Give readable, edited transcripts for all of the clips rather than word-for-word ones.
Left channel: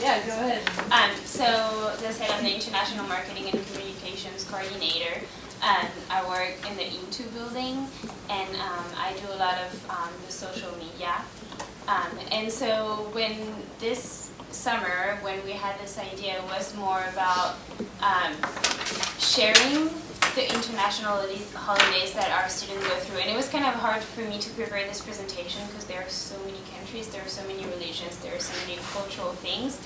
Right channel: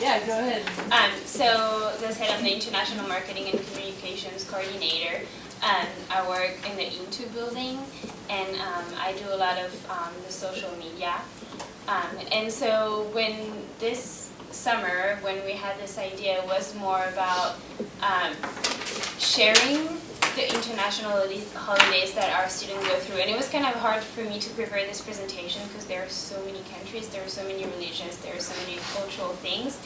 Yeah, go ahead. So, as I said, I'm the International Marketing and Communications Coordinator. I work in the Into building, and I do a lot of the social media. And so when this summer, when we had this idea, it was more about sharing the international holidays that our students go through. And it was kind of hard for me to prepare this presentation because there are so many countries, there are so many religions, there are so many cultural things.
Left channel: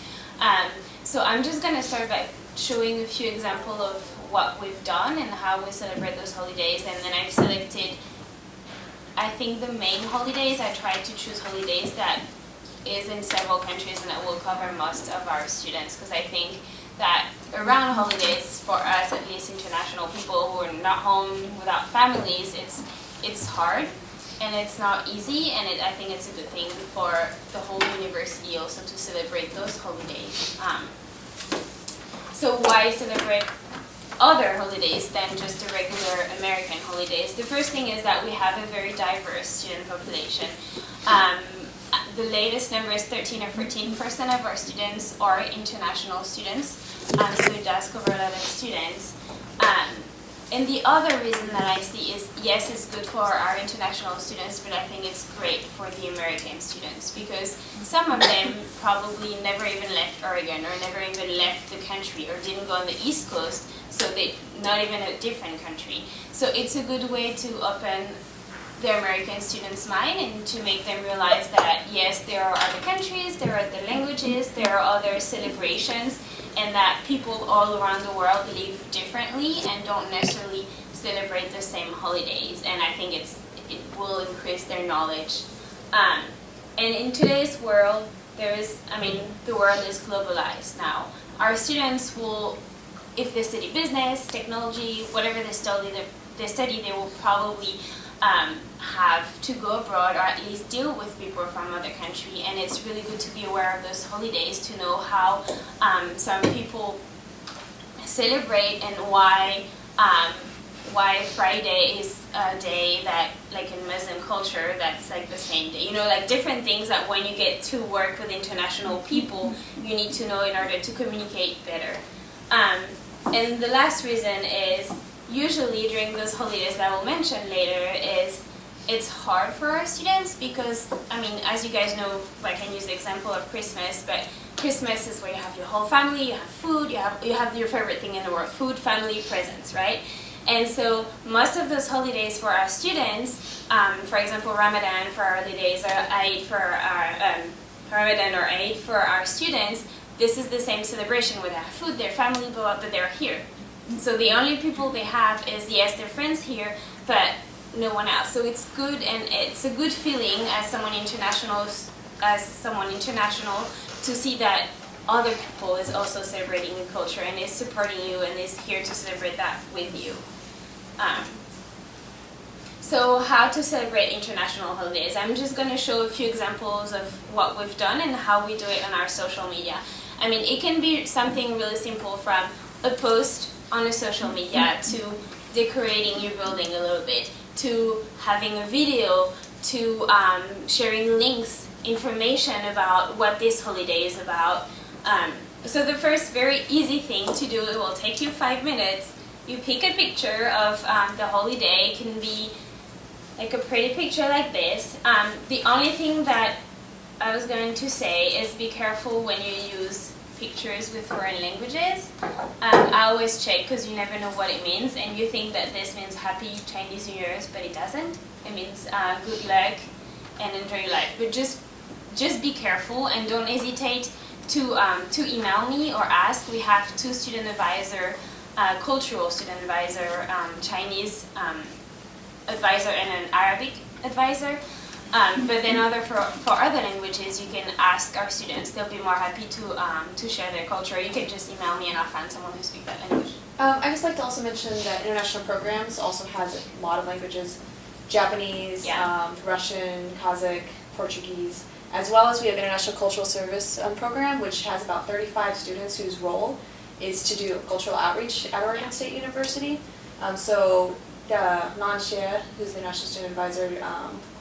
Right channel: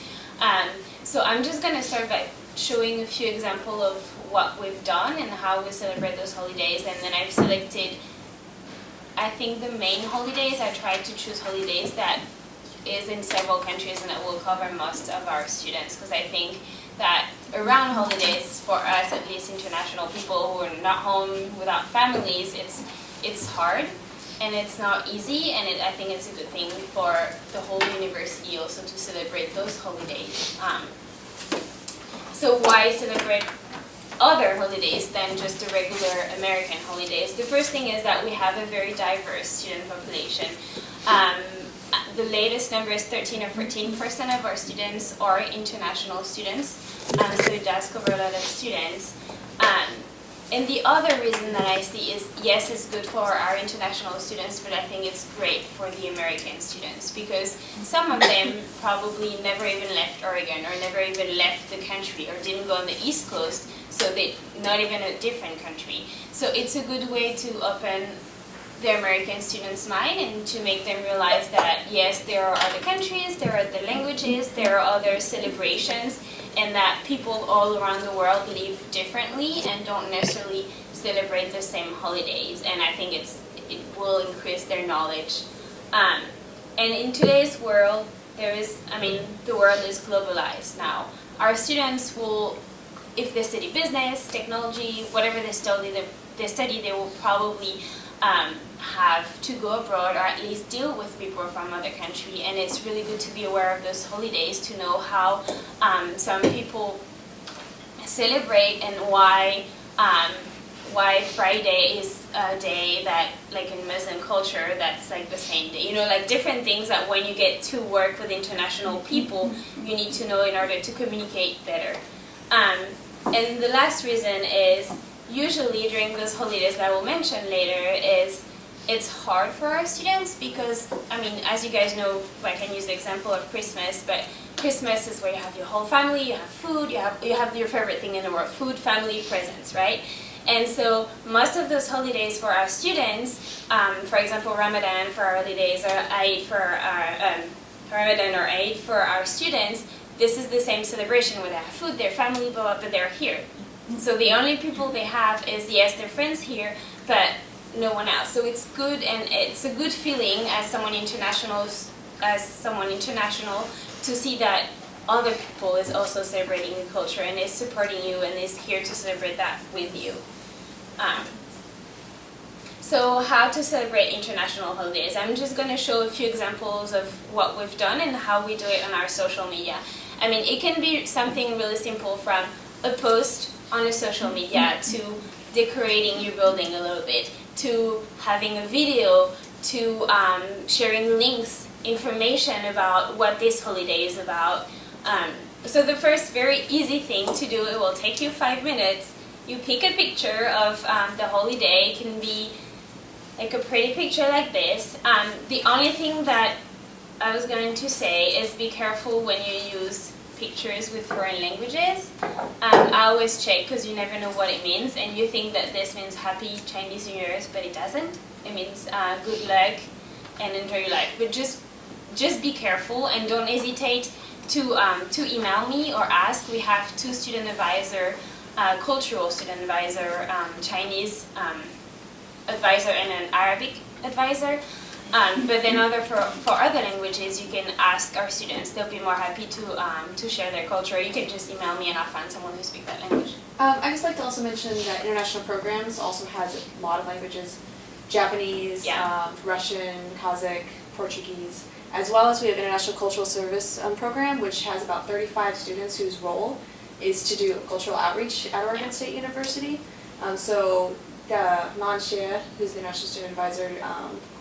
So I'm just going to start by showing a few examples of what we've done and how we celebrate those holidays. And then I've selected, I think, the main holidays. I tried to choose holidays that is in several countries and that will cover most of our students, because I think that around holidays, for us, at least international people who are not home without families, it's hard and it's not easy, and I think it's a good thing for the whole university also to celebrate those holidays. So why celebrate other holidays than just the regular American holidays? The first thing is that we have a very diverse student population. The latest number is 13 or 14% of our students are international students, so it does cover a lot of students. And the other reason that I see is, yes, it's good for our international students, but I think it's great for the American students, because some of them probably never even left Oregon or never even left the country or didn't go on the East Coast, so they're not even a different country. So it's a good way to open the American students' mind and to make them realize that, yes, there are other countries, there are other languages, there are other celebrations, and that people all around the world live differently and don't necessarily celebrate the same holidays. And I think it will increase their knowledge. And in today's world, the world is globalized now. Our students will, if they study business, technology, whatever they study, they will probably have to go abroad, or at least deal with people from other countries, and it's really good to be aware of those holidays, to know how some people celebrate and why Friday is a day that, like in Muslim culture, that's like the same day. You know, like different things that when you get to work with international people, you need to know in order to communicate better. And the last reason is, usually during those holidays that I will mention later, is it's hard for our students because, as you guys know, I can use the example of Christmas, but Christmas is where you have your whole family, you have food, you have your favorite thing in the world, food, family, presents, right? And so most of those holidays for our students, for example, Ramadan for our holidays, or Eid for our Ramadan or Eid for our students, this is the same celebration where they have food, their family, blah, blah, but they're here. So the only people they have is, yes, their friends here, but no one else. So it's good, and it's a good feeling as someone international, to see that other people is also celebrating the culture and is supporting you and is here to celebrate that with you. So how to celebrate international holidays? I'm just going to show a few examples of what we've done and how we do it on our social media. It can be something really simple, from a post on a social media to decorating your building a little bit, to having a video, to sharing links, information about what this holiday is about. So the first very easy thing to do, it will take you 5 minutes. You pick a picture of the holiday. It can be like a pretty picture like this. The only thing that I was going to say is be careful when you use pictures with foreign languages. I always check, because you never know what it means, and you think that this means Happy Chinese New Year's, but it doesn't. It means good luck and enjoy your life. But just be careful, and don't hesitate to email me or ask. We have 2 student advisor, cultural student advisor, Chinese advisor, and an Arabic advisor. But then for other languages, you can ask our students. They'll be more happy to share their culture. You can just email me and I'll find someone who speaks that language. I'd just like to also mention that international programs also has a lot of languages: Japanese, Russian, Kazakh, Portuguese, as well as we have International Cultural Service program, which has about 35 students whose role is to do cultural outreach at Oregon State University. So Nan Xie, who's the National Student Advisor,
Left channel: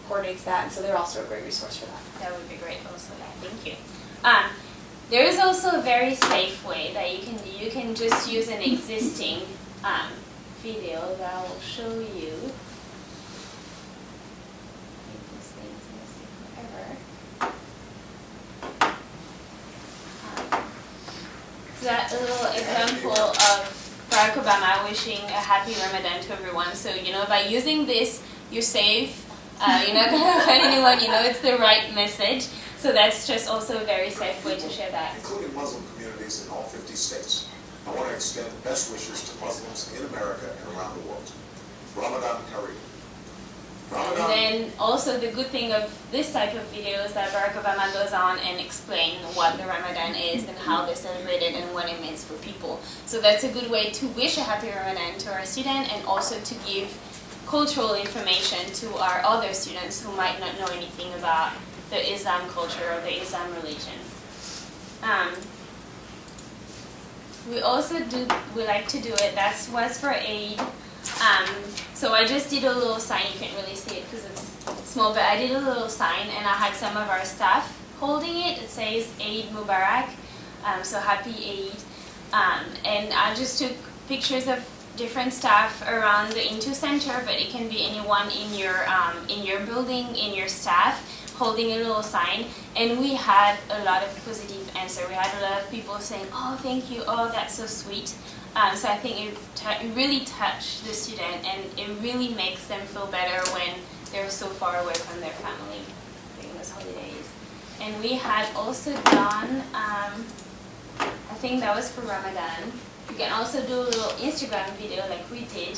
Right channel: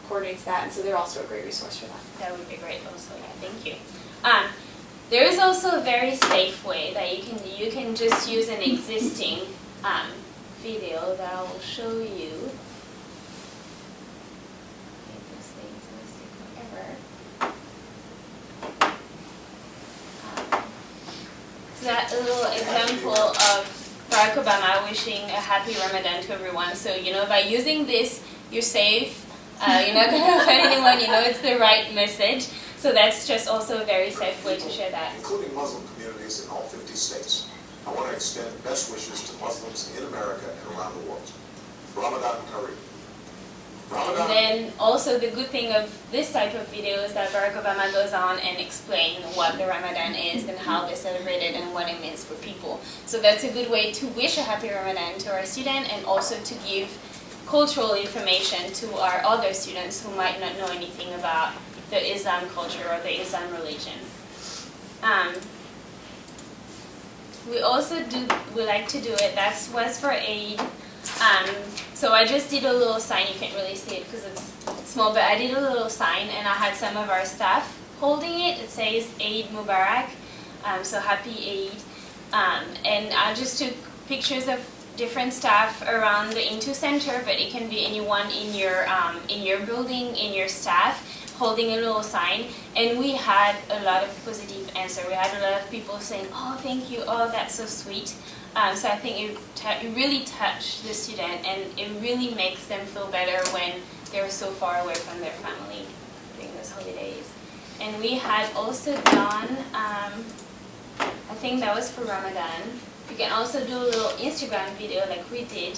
coordinates that, and so they're also a great resource for that. That would be great also, yeah, thank you. There is also a very safe way that you can just use an existing video that I will show you. These things may take forever. So that little example of Barack Obama wishing a happy Ramadan to everyone. So by using this, you're safe. You're not going to offend anyone. It's the right message. So that's just also a very safe way to share that. Including Muslim communities in all 50 states. I want to extend best wishes to Muslims in America and around the world. Ramadan Kareem. And then also the good thing of this type of video is that Barack Obama goes on and explains what the Ramadan is and how they celebrate it and what it means for people. So that's a good way to wish a happy Ramadan to our student and also to give cultural information to our other students who might not know anything about the Islam culture or the Islam religion. We like to do it, that was for Eid. So I just did a little sign, you can't really see it because it's small, but I did a little sign and I had some of our staff holding it. It says Eid Mubarak, so happy Eid. And I just took pictures of different staff around the Into Center, but it can be anyone in your building, in your staff, holding a little sign. And we had a lot of positive answer. We had a lot of people saying, oh, thank you, oh, that's so sweet. So I think it really touched the student, and it really makes them feel better when they're so far away from their family during those holidays. And we had also done, I think that was for Ramadan. You can also do a little Instagram video like we did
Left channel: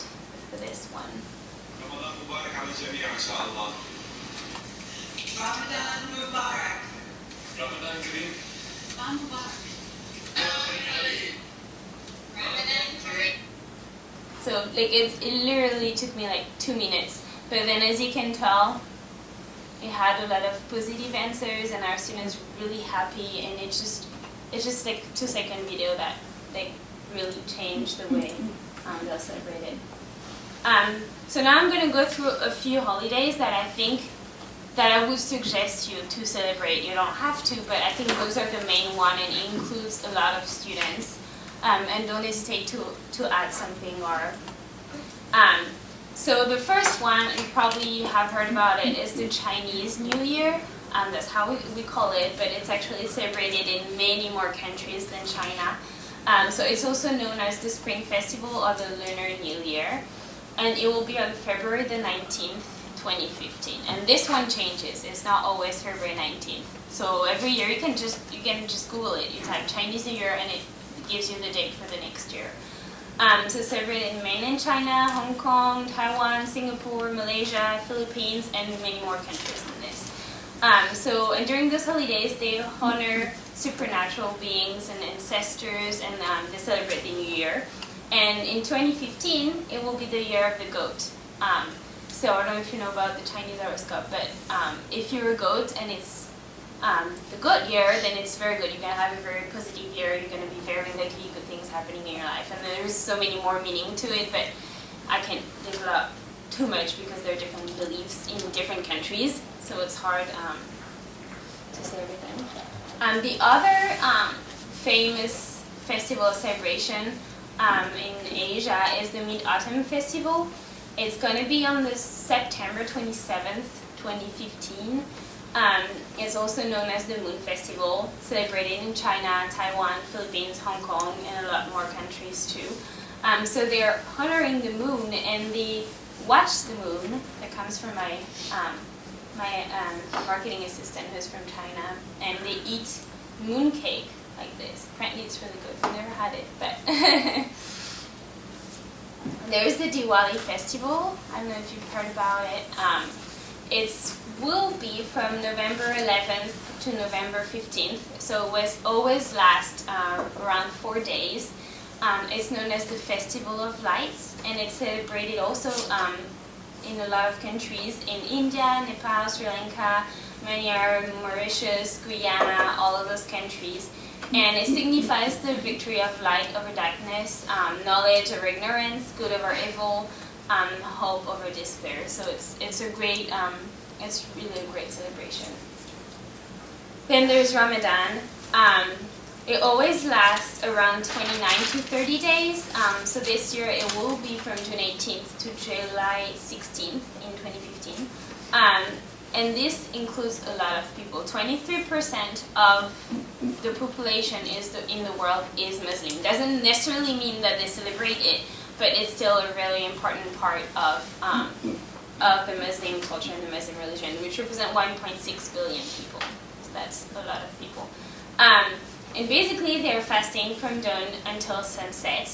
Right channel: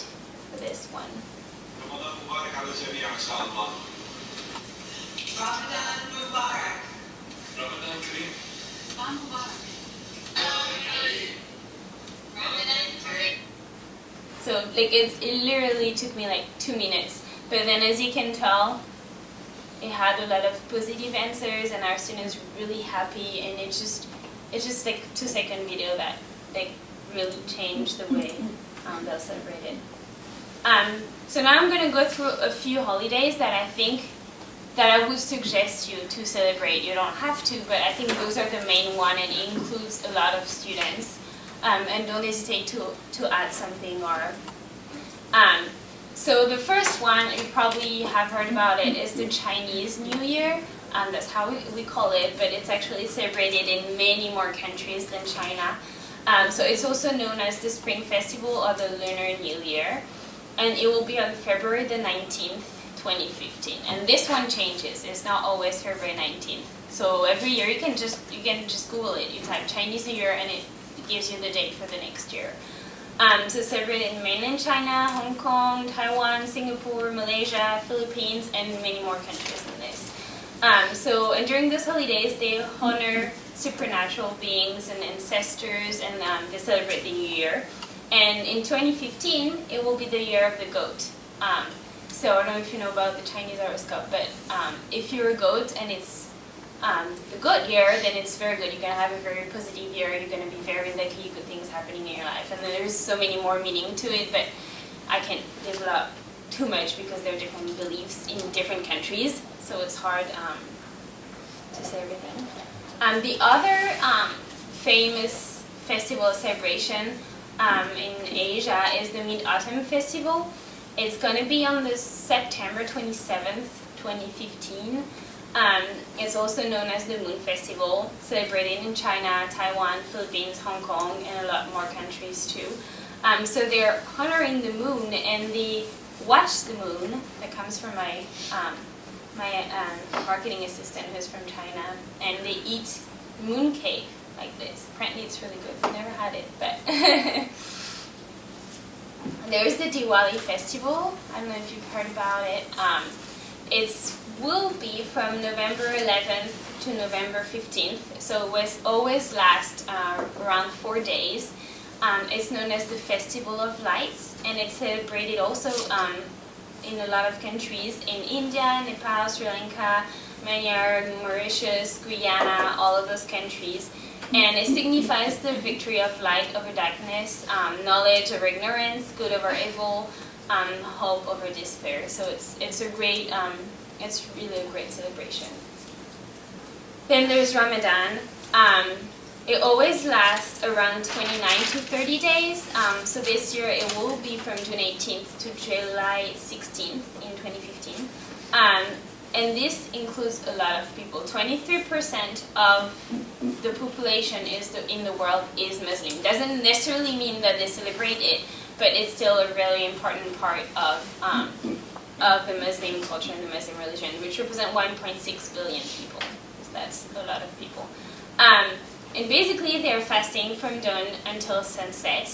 for this one. Ramadan Mubarak على الجميع إن شاء الله. Ramadan Mubarak. Ramadan Kareem. Ramadan Mubarak. So it literally took me like 2 minutes, but then as you can tell, it had a lot of positive answers and our students were really happy, and it's just like 2-second video that really changed the way they'll celebrate it. So now I'm going to go through a few holidays that I think that I would suggest you to celebrate. You don't have to, but I think those are the main one, and it includes a lot of students. And don't hesitate to add something or. So the first one, you probably have heard about it, is the Chinese New Year. That's how we call it, but it's actually celebrated in many more countries than China. So it's also known as the Spring Festival or the Lunar New Year. And it will be on February the 19th, 2015. And this one changes. It's not always February 19th. So every year you can just Google it. You type Chinese New Year and it gives you the date for the next year. So celebrated in mainland China, Hong Kong, Taiwan, Singapore, Malaysia, Philippines, and many more countries than this. And during those holidays, they honor supernatural beings and ancestors, and they celebrate the New Year. And in 2015, it will be the year of the goat. So I don't know if you know about the Chinese horoscope, but if you're a goat and it's the good year, then it's very good. You're going to have a very positive year. You're going to be very lucky, good things happening in your life. And then there's so many more meaning to it, but I can't develop too much because there are different beliefs in different countries, so it's hard to say everything. The other famous festival celebration in Asia is the Mid-Autumn Festival. It's going to be on the September 27th, 2015. It's also known as the Moon Festival, celebrated in China, Taiwan, Philippines, Hong Kong, and a lot more countries too. So they're honoring the moon, and they watch the moon. That comes from my marketing assistant who's from China, and they eat moon cake like this. Apparently it's really good. I've never had it, but there's the Diwali festival. I don't know if you've heard about it. It will be from November 11th to November 15th, so it will always last around 4 days. It's known as the Festival of Lights, and it's celebrated also in a lot of countries, in India, Nepal, Sri Lanka, Myanmar, Mauritius, Guyana, all of those countries. And it signifies the victory of light over darkness, knowledge over ignorance, good over evil, hope over despair. So it's a great, it's really a great celebration. Then there's Ramadan. It always lasts around 29 to 30 days. So this year it will be from June 18th to July 16th in 2015. And this includes a lot of people. 23% of the population in the world is Muslim. Doesn't necessarily mean that they celebrate it, but it's still a really important part of the Muslim culture and the Muslim religion, which represent 1.6 billion people. So that's a lot of people. And basically they're fasting from dawn until sunset.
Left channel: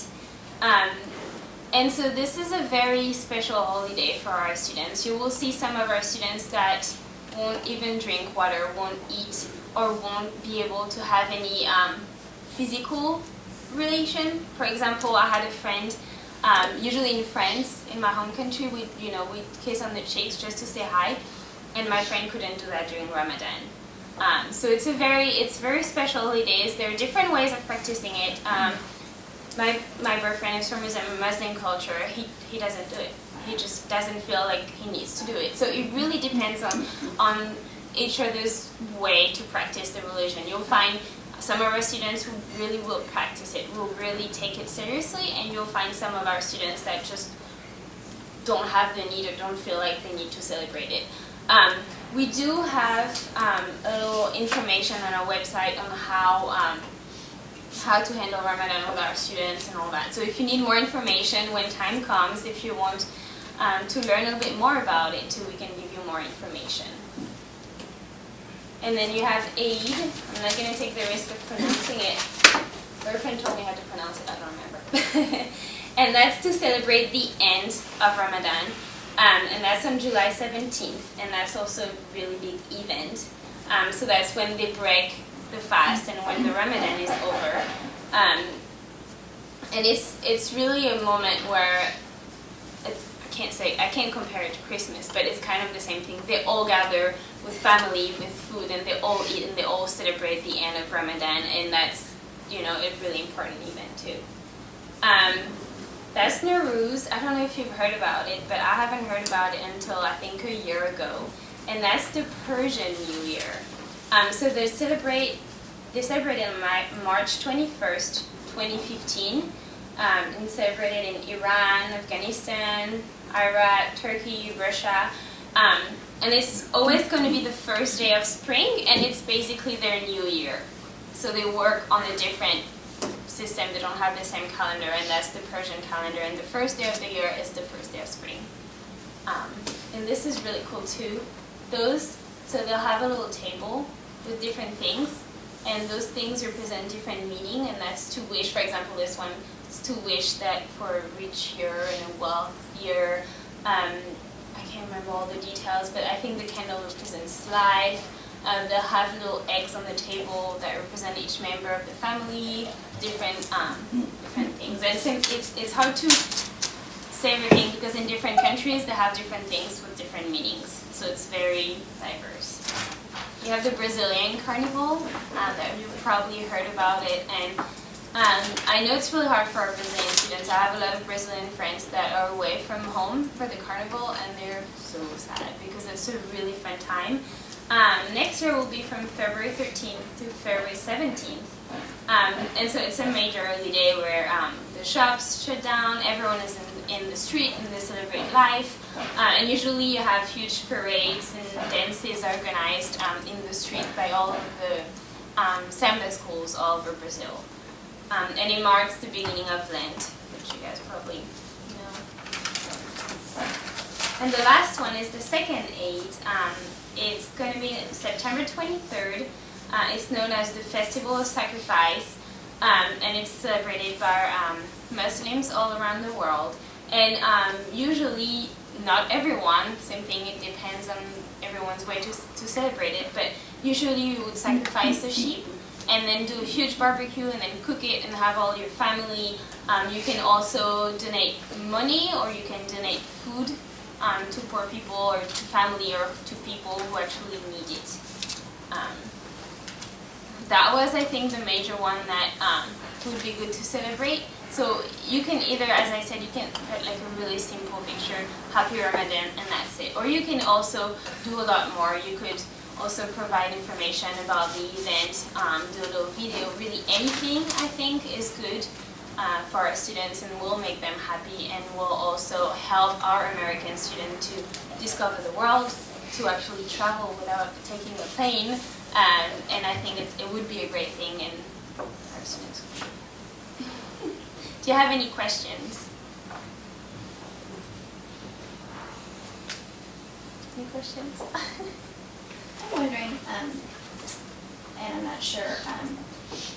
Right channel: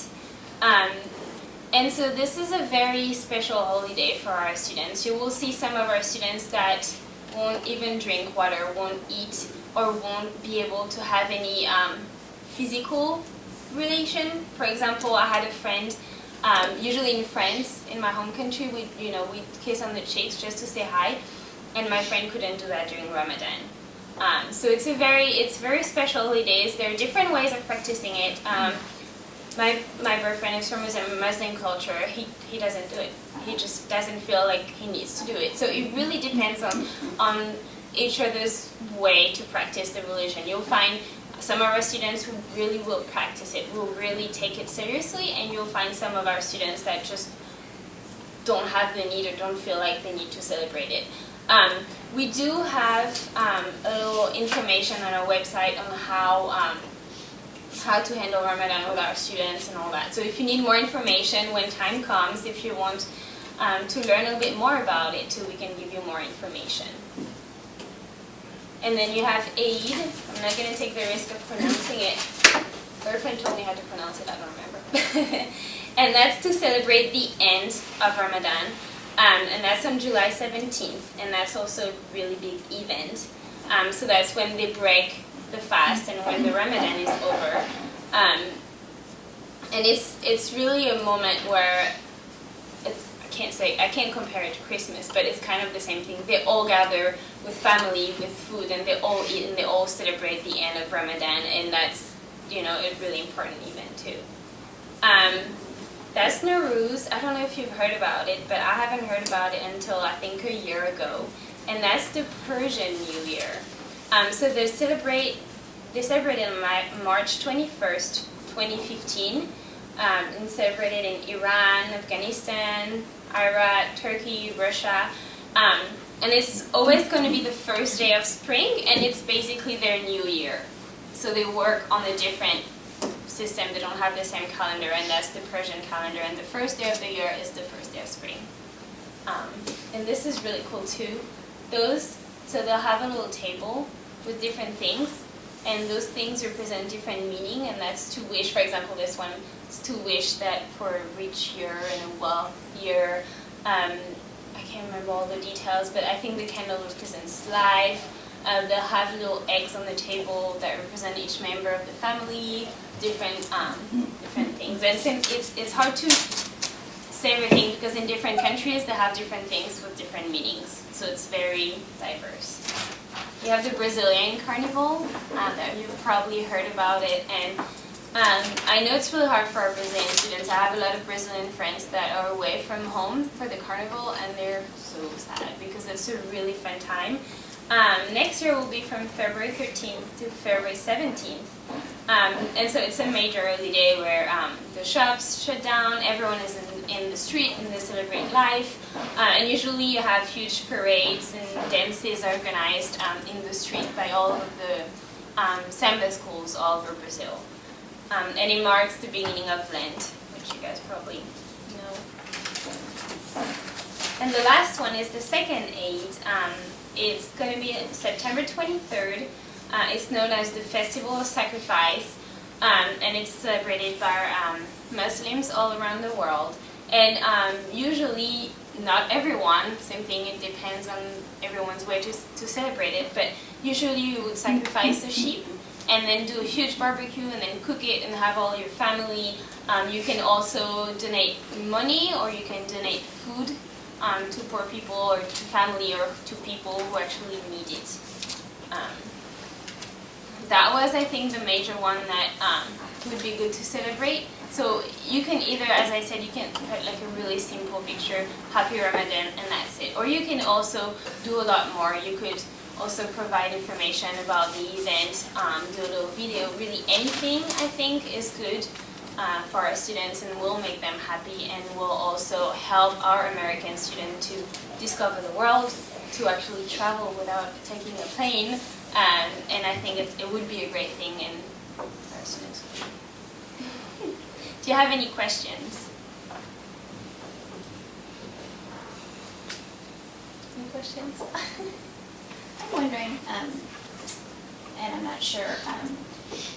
And so this is a very special holiday for our students. You will see some of our students that won't even drink water, won't eat, or won't be able to have any physical relation. For example, I had a friend, usually in France, in my home country, we kiss on the cheeks just to say hi, and my friend couldn't do that during Ramadan. So it's very special holidays. There are different ways of practicing it. My boyfriend is from a Muslim culture. He doesn't do it. He just doesn't feel like he needs to do it. So it really depends on each other's way to practice the religion. You'll find some of our students who really will practice it, will really take it seriously, and you'll find some of our students that just don't have the need or don't feel like they need to celebrate it. We do have a little information on our website on how to handle Ramadan with our students and all that. So if you need more information when time comes, if you want to learn a little bit more about it too, we can give you more information. And then you have Eid. I'm not going to take the risk of pronouncing it. Boyfriend told me how to pronounce it, I don't remember. And that's to celebrate the end of Ramadan. And that's on July 17th, and that's also a really big event. So that's when they break the fast and when the Ramadan is over. And it's really a moment where I can't compare it to Christmas, but it's kind of the same thing. They all gather with family, with food, and they all eat and they all celebrate the end of Ramadan, and that's a really important event too. That's Nowruz. I don't know if you've heard about it, but I haven't heard about it until I think a year ago. And that's the Persian New Year. So they celebrate on March 21st, 2015, and celebrated in Iran, Afghanistan, Iraq, Turkey, Russia. And it's always going to be the first day of spring, and it's basically their new year. So they work on a different system. They don't have the same calendar, and that's the Persian calendar. And the first day of the year is the first day of spring. And this is really cool too. So they'll have a little table with different things, and those things represent different meaning, and that's to wish. For example, this one is to wish that for a rich year and a wealth year. I can't remember all the details, but I think the candle represents life. They'll have little eggs on the table that represent each member of the family, different things. And since it's hard to say everything because in different countries they have different things with different meanings, so it's very diverse. You have the Brazilian Carnival, that you've probably heard about it, and I know it's really hard for our Brazilian students. I have a lot of Brazilian friends that are away from home for the carnival, and they're so sad because it's a really fun time. Next year will be from February 13th to February 17th. And so it's a major early day where the shops shut down, everyone is in the street and they celebrate life. And usually you have huge parades and dances organized in the street by all of the samba schools all over Brazil. And it marks the beginning of Lent, which you guys probably know. And the last one is the second Eid. It's going to be September 23rd. It's known as the Festival of Sacrifice, and it's celebrated by Muslims all around the world. And usually, not everyone, same thing, it depends on everyone's way to celebrate it, but usually you would sacrifice a sheep and then do a huge barbecue and then cook it and have all your family. You can also donate money, or you can donate food to poor people or to family or to people who actually need it. That was, I think, the major one that would be good to celebrate. So you can either, as I said, you can put like a really simple picture, Happy Ramadan, and that's it. Or you can also do a lot more. You could also provide information about the event, do a little video, really anything I think is good for our students and will make them happy and will also help our American students to discover the world, to actually travel without taking a plane, and I think it would be a great thing and our students would be. Do you have any questions? Any questions? I'm wondering, and I'm not sure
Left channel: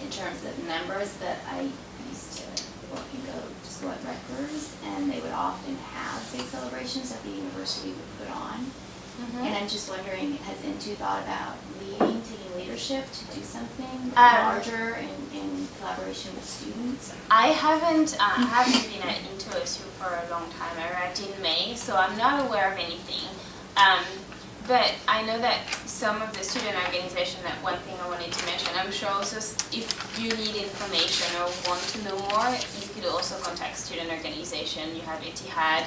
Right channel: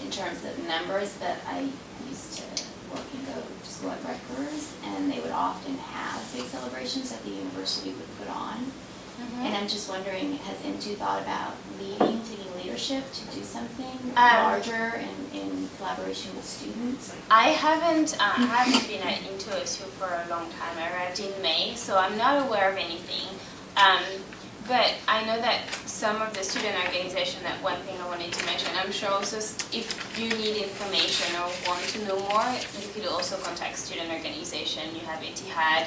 in terms of numbers, but I used to work and go to school at Rutgers, and they would often have big celebrations that the university would put on. And I'm just wondering, has Into thought about taking leadership to do something larger in collaboration with students? I haven't been at Into OSU for a long time. I arrived in May, so I'm not aware of anything. But I know that some of the student organization, that one thing I wanted to mention, I'm sure also if you need information or want to know more, you could also contact student organization. You have Etihad,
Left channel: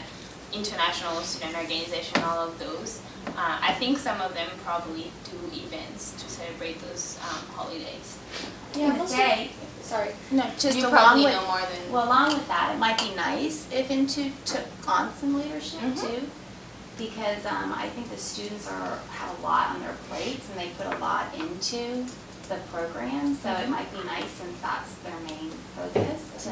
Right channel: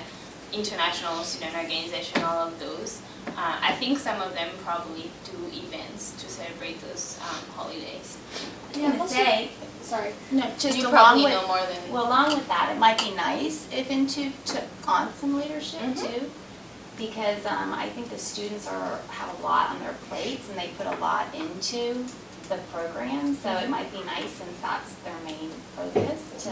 International Student Organization, all of those. I think some of them probably do events to celebrate those holidays. Sorry. No, just You along probably with, know more than... well, along with that, it might be nice if Into took on some leadership too, because I think the students have a lot on their plates and they put a lot into the program, so it might be nice since that's their main focus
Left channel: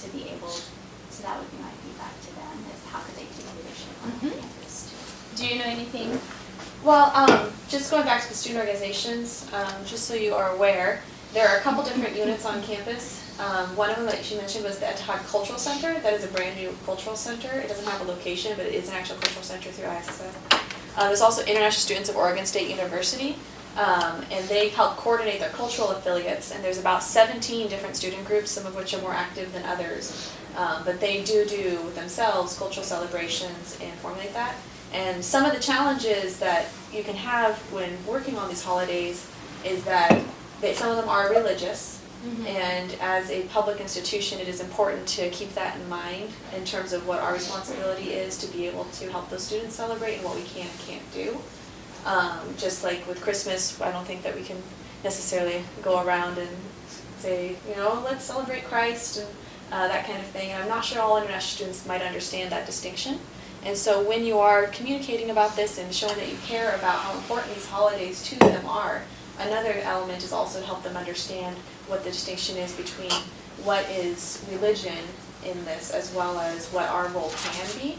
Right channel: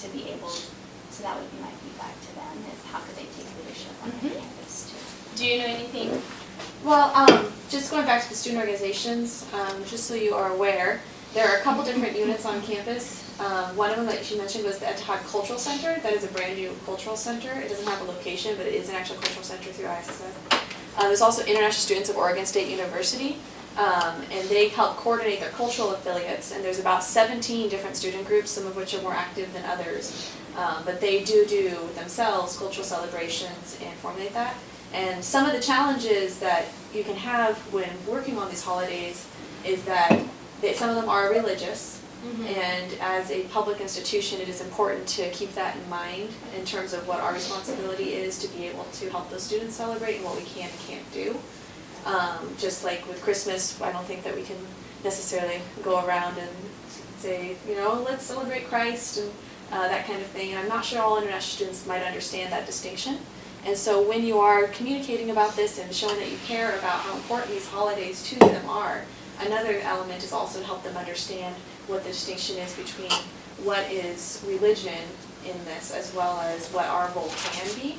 to be able. So that would be my feedback to them: is how could they take leadership on campus too? Do you know anything? Well, just going back to the student organizations, just so you are aware, there are a couple different units on campus. One of them that she mentioned was the Etihad Cultural Center. That is a brand new cultural center. It doesn't have a location, but it is an actual cultural center through ISSS. There's also International Students of Oregon State University, and they help coordinate their cultural affiliates. And there's about 17 different student groups, some of which are more active than others. But they do themselves cultural celebrations and formulate that. And some of the challenges that you can have when working on these holidays is that some of them are religious. And as a public institution, it is important to keep that in mind in terms of what our responsibility is to be able to help those students celebrate and what we can and can't do. Just like with Christmas, I don't think that we can necessarily go around and say, let's celebrate Christ and that kind of thing. And I'm not sure all international students might understand that distinction. And so when you are communicating about this and showing that you care about how important these holidays to them are, another element is also to help them understand what the distinction is between what is religion in this as well as what our role can be.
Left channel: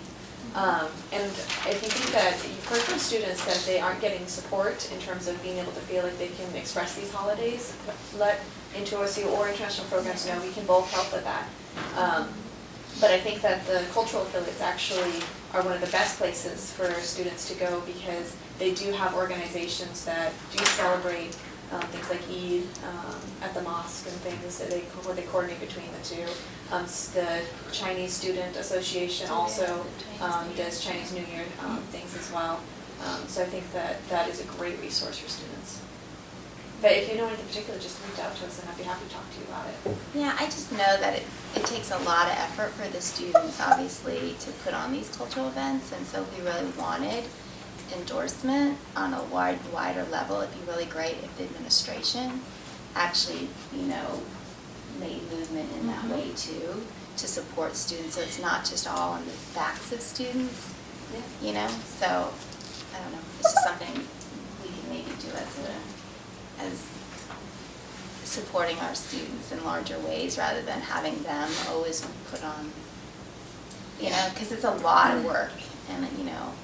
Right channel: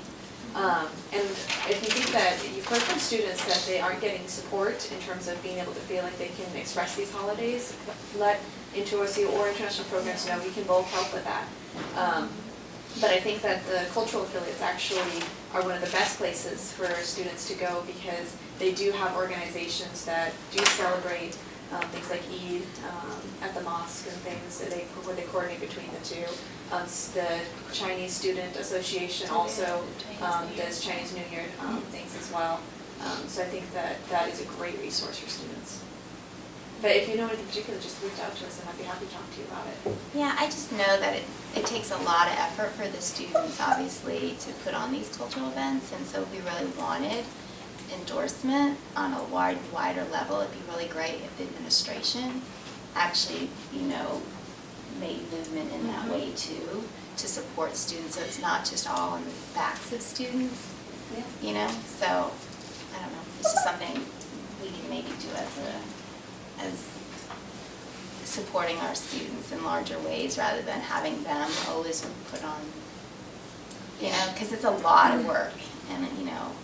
And if you think that you've heard from students that they aren't getting support in terms of being able to feel like they can express these holidays, let Into OSU or international programs know we can both help with that. But I think that the cultural affiliates actually are one of the best places for students to go because they do have organizations that do celebrate things like Eid at the mosque and things that where they coordinate between the two. The Chinese Student Association also does Chinese New Year things as well. So I think that is a great resource for students. But if you know anything particular, just reach out to us and I'd be happy to talk to you about it. Yeah, I just know that it takes a lot of effort for the students, obviously, to put on these cultural events, and so we really wanted endorsement on a wider level. It'd be really great if the administration actually, made movement in that way too, to support students, so it's not just all on the backs of students, So, I don't know, it's just something we can maybe do as supporting our students in larger ways rather than having them always put on, because it's a lot of work. And,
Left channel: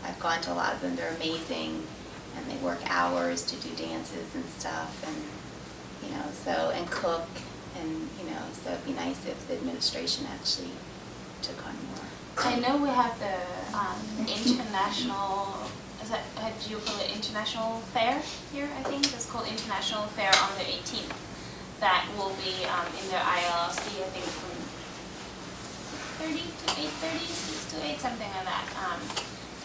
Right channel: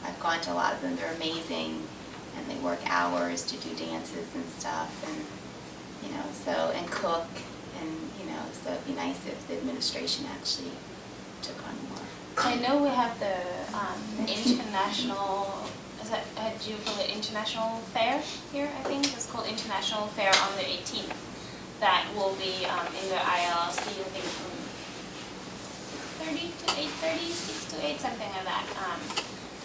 I've gone to a lot of them, they're amazing, and they work hours to do dances and stuff, and, and cook, and, so it'd be nice if the administration actually took on more. I know we have the international, do you call it International Fair here, I think? It's called International Fair on the 18th. That will be in the ILC, I think from 6:30 to 8:30, 6 to 8, something like that.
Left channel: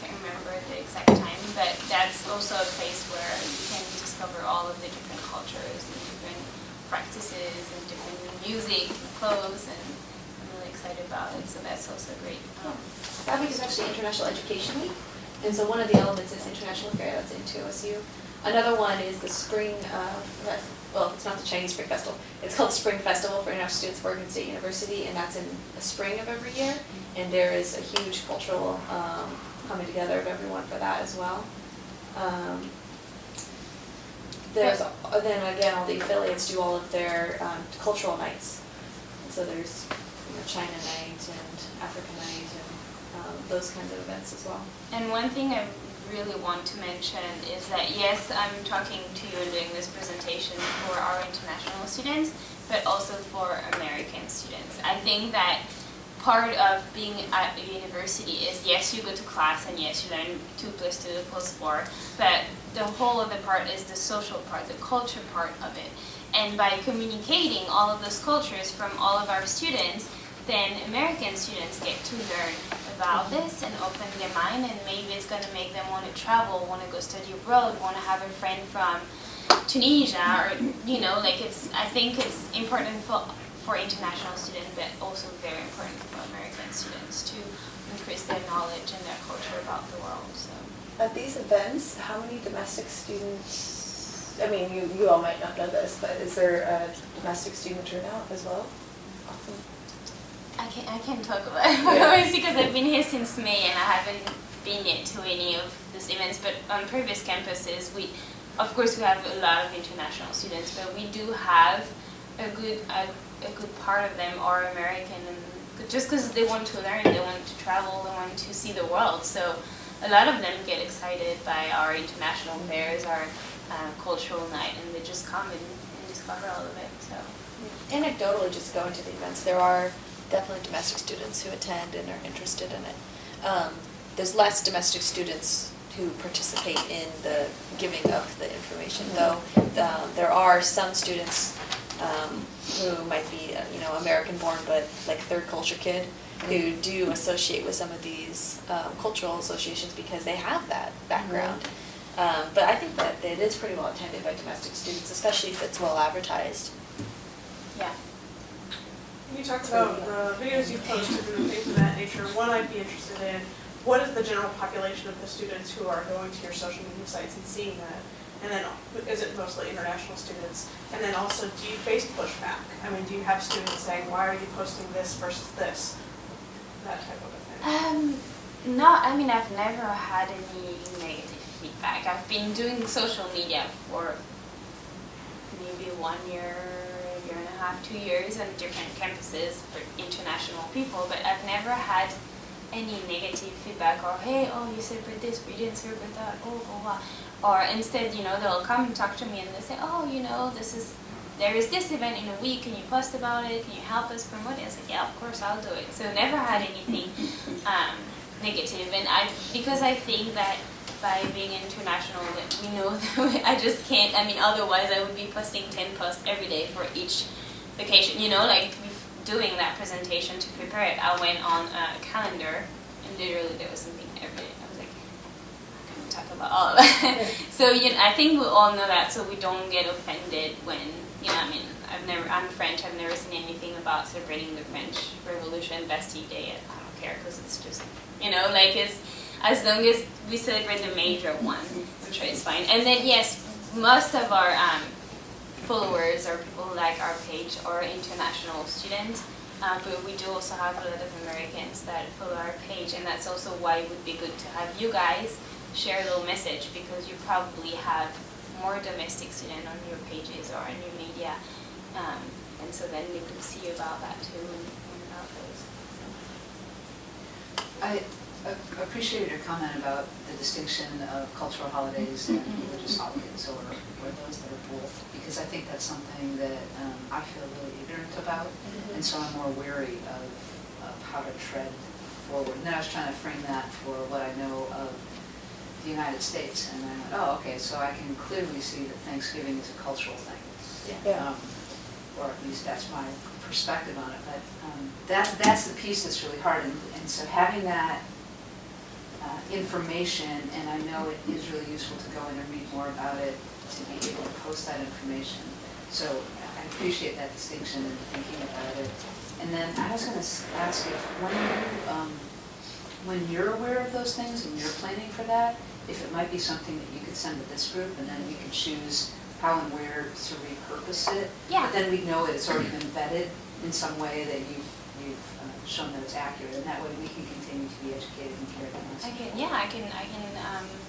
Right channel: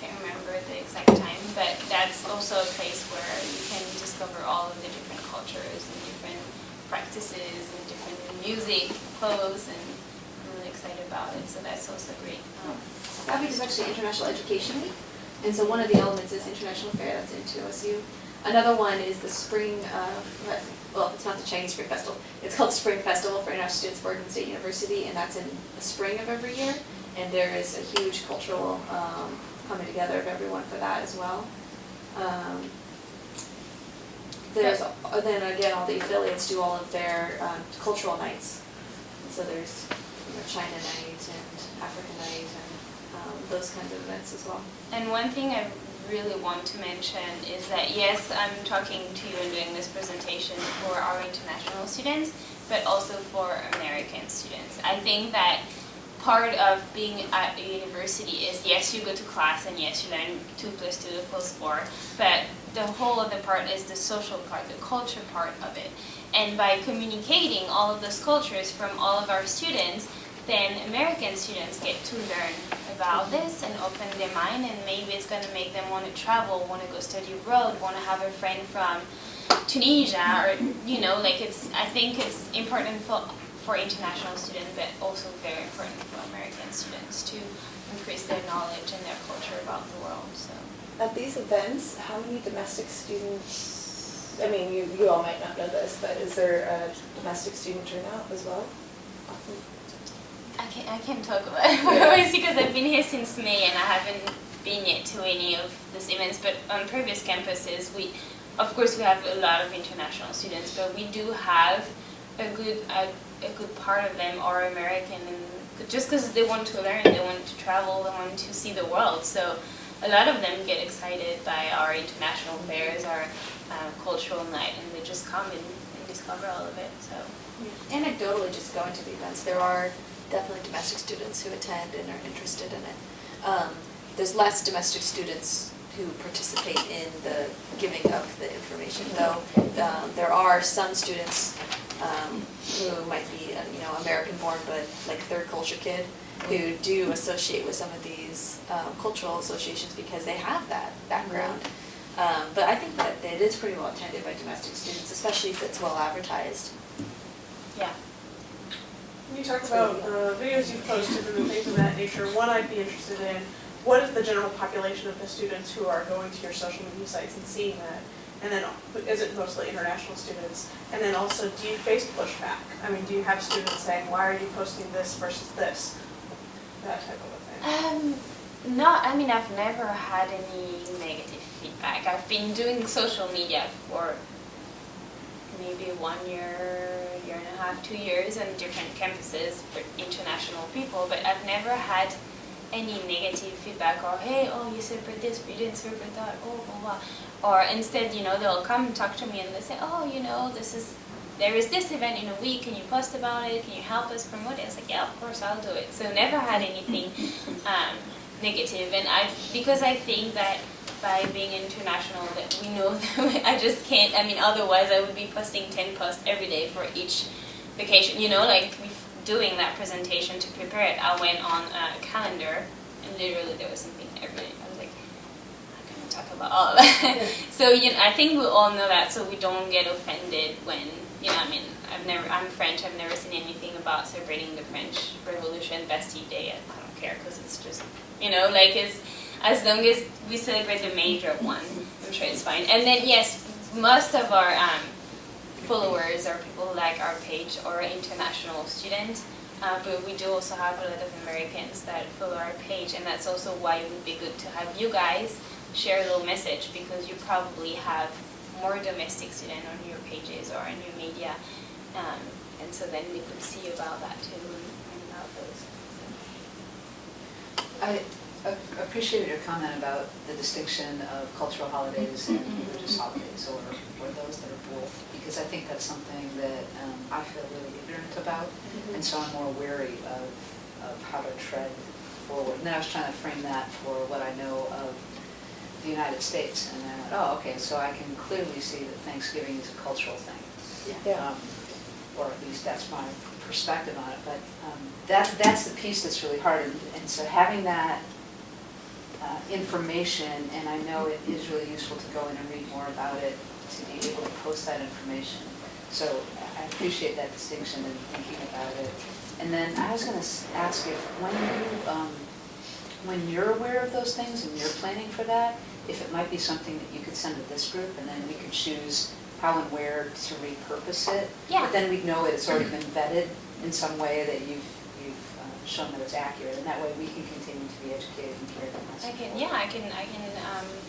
Can't remember the exact time, but that's also a place where you can discover all of the different cultures and different practices and different music, clothes, and I'm really excited about it. So that's also great. That week is actually International Education Week, and so one of the elements is International Fair. That's Into OSU. Another one is the spring, well, it's not the Chinese Spring Festival, it's called the Spring Festival for International Students of Oregon State University, and that's in the spring of every year. And there is a huge cultural coming together of everyone for that as well. There's, then again, all the affiliates do all of their cultural nights. So there's, China Night and Africa Night and those kinds of events as well. And one thing I really want to mention is that, yes, I'm talking to you and doing this presentation for our international students, but also for American students. I think that part of being at a university is, yes, you go to class and yes, you learn 2 + 2 = 4, but the whole other part is the social part, the culture part of it. And by communicating all of those cultures from all of our students, then American students get to learn about this and open their mind, and maybe it's going to make them want to travel, want to go study abroad, want to have a friend from Tunisia, or, I think it's important for international students, but also very important for American students to increase their knowledge and their culture about the world. So At these events, how many domestic students, I mean, you all might not know this, but is there a domestic student turnout as well? I can't talk about it obviously because I've been here since May and I haven't been yet to any of these events, but on previous campuses, of course we have a lot of international students, but we do have a good part of them are American, and just because they want to learn, they want to travel, they want to see the world. So a lot of them get excited by our international fairs, our cultural night, and they just come and discover all of it. So Yeah. Anecdotally, just going to the events, there are definitely domestic students who attend and are interested in it. There's less domestic students who participate in the giving of the information, though there are some students who might be, American-born, but like third culture kid, who do associate with some of these cultural associations because they have that background. But I think that it is pretty well attended by domestic students, especially if it's well advertised. yeah. When you talk about videos you've posted and things of that nature, one I'd be interested in, what is the general population of the students who are going to your social media sites and seeing that? And then, is it mostly international students? And then also, do you face pushback? I mean, do you have students saying, why are you posting this versus this? That type of a thing. I've never had any negative feedback. I've been doing social media for maybe 1 year, year and a half, 2 years on different campuses for international people, but I've never had any negative feedback or, hey, you celebrate this, but you didn't celebrate that, blah, blah. Or instead, they'll come and talk to me and they say, there is this event in a week, can you post about it, can you help us promote it? I was like, yeah, of course, I'll do it. So never had anything negative, and because I think that by being international, that we know that I just can't, otherwise I would be posting 10 posts every day for each vacation, doing that presentation to prepare it, I went on a calendar, and literally there was something every day. I was like, I'm going to talk about all of that. So, I think we all know that, so we don't get offended when, I'm French, I've never seen anything about celebrating the French Revolution, Bastille Day, I don't care, because it's just, it's, as long as we celebrate the major one, I'm sure it's fine. And then, yes, most of our followers or people who like our page are international students, but we do also have a lot of Americans that follow our page, and that's also why it would be good to have you guys share a little message, because you probably have more domestic students on your pages or on your media, and so then we could see about that too and about those. So. I appreciated your comment about the distinction of cultural holidays and religious holidays, or those that are both, because I think that's something that I feel really ignorant about, and so I'm more wary of how to tread forward. And then I was trying to frame that for what I know of the United States, and I went, okay, so I can clearly see that Thanksgiving is a cultural thing. Yeah. Or at least that's my perspective on it, but that's the piece that's really hard, and so having that information, and I know it is really useful to go in and read more about it, to be able to post that information. So I appreciate that distinction and thinking about it. And then I was going to ask if when you're aware of those things and you're planning for that, if it might be something that you could send to this group, and then we could choose how and where to repurpose it. Yeah. But then we'd know it's already been vetted in some way that you've shown that it's accurate, and that way we can continue to be educated and carry the message.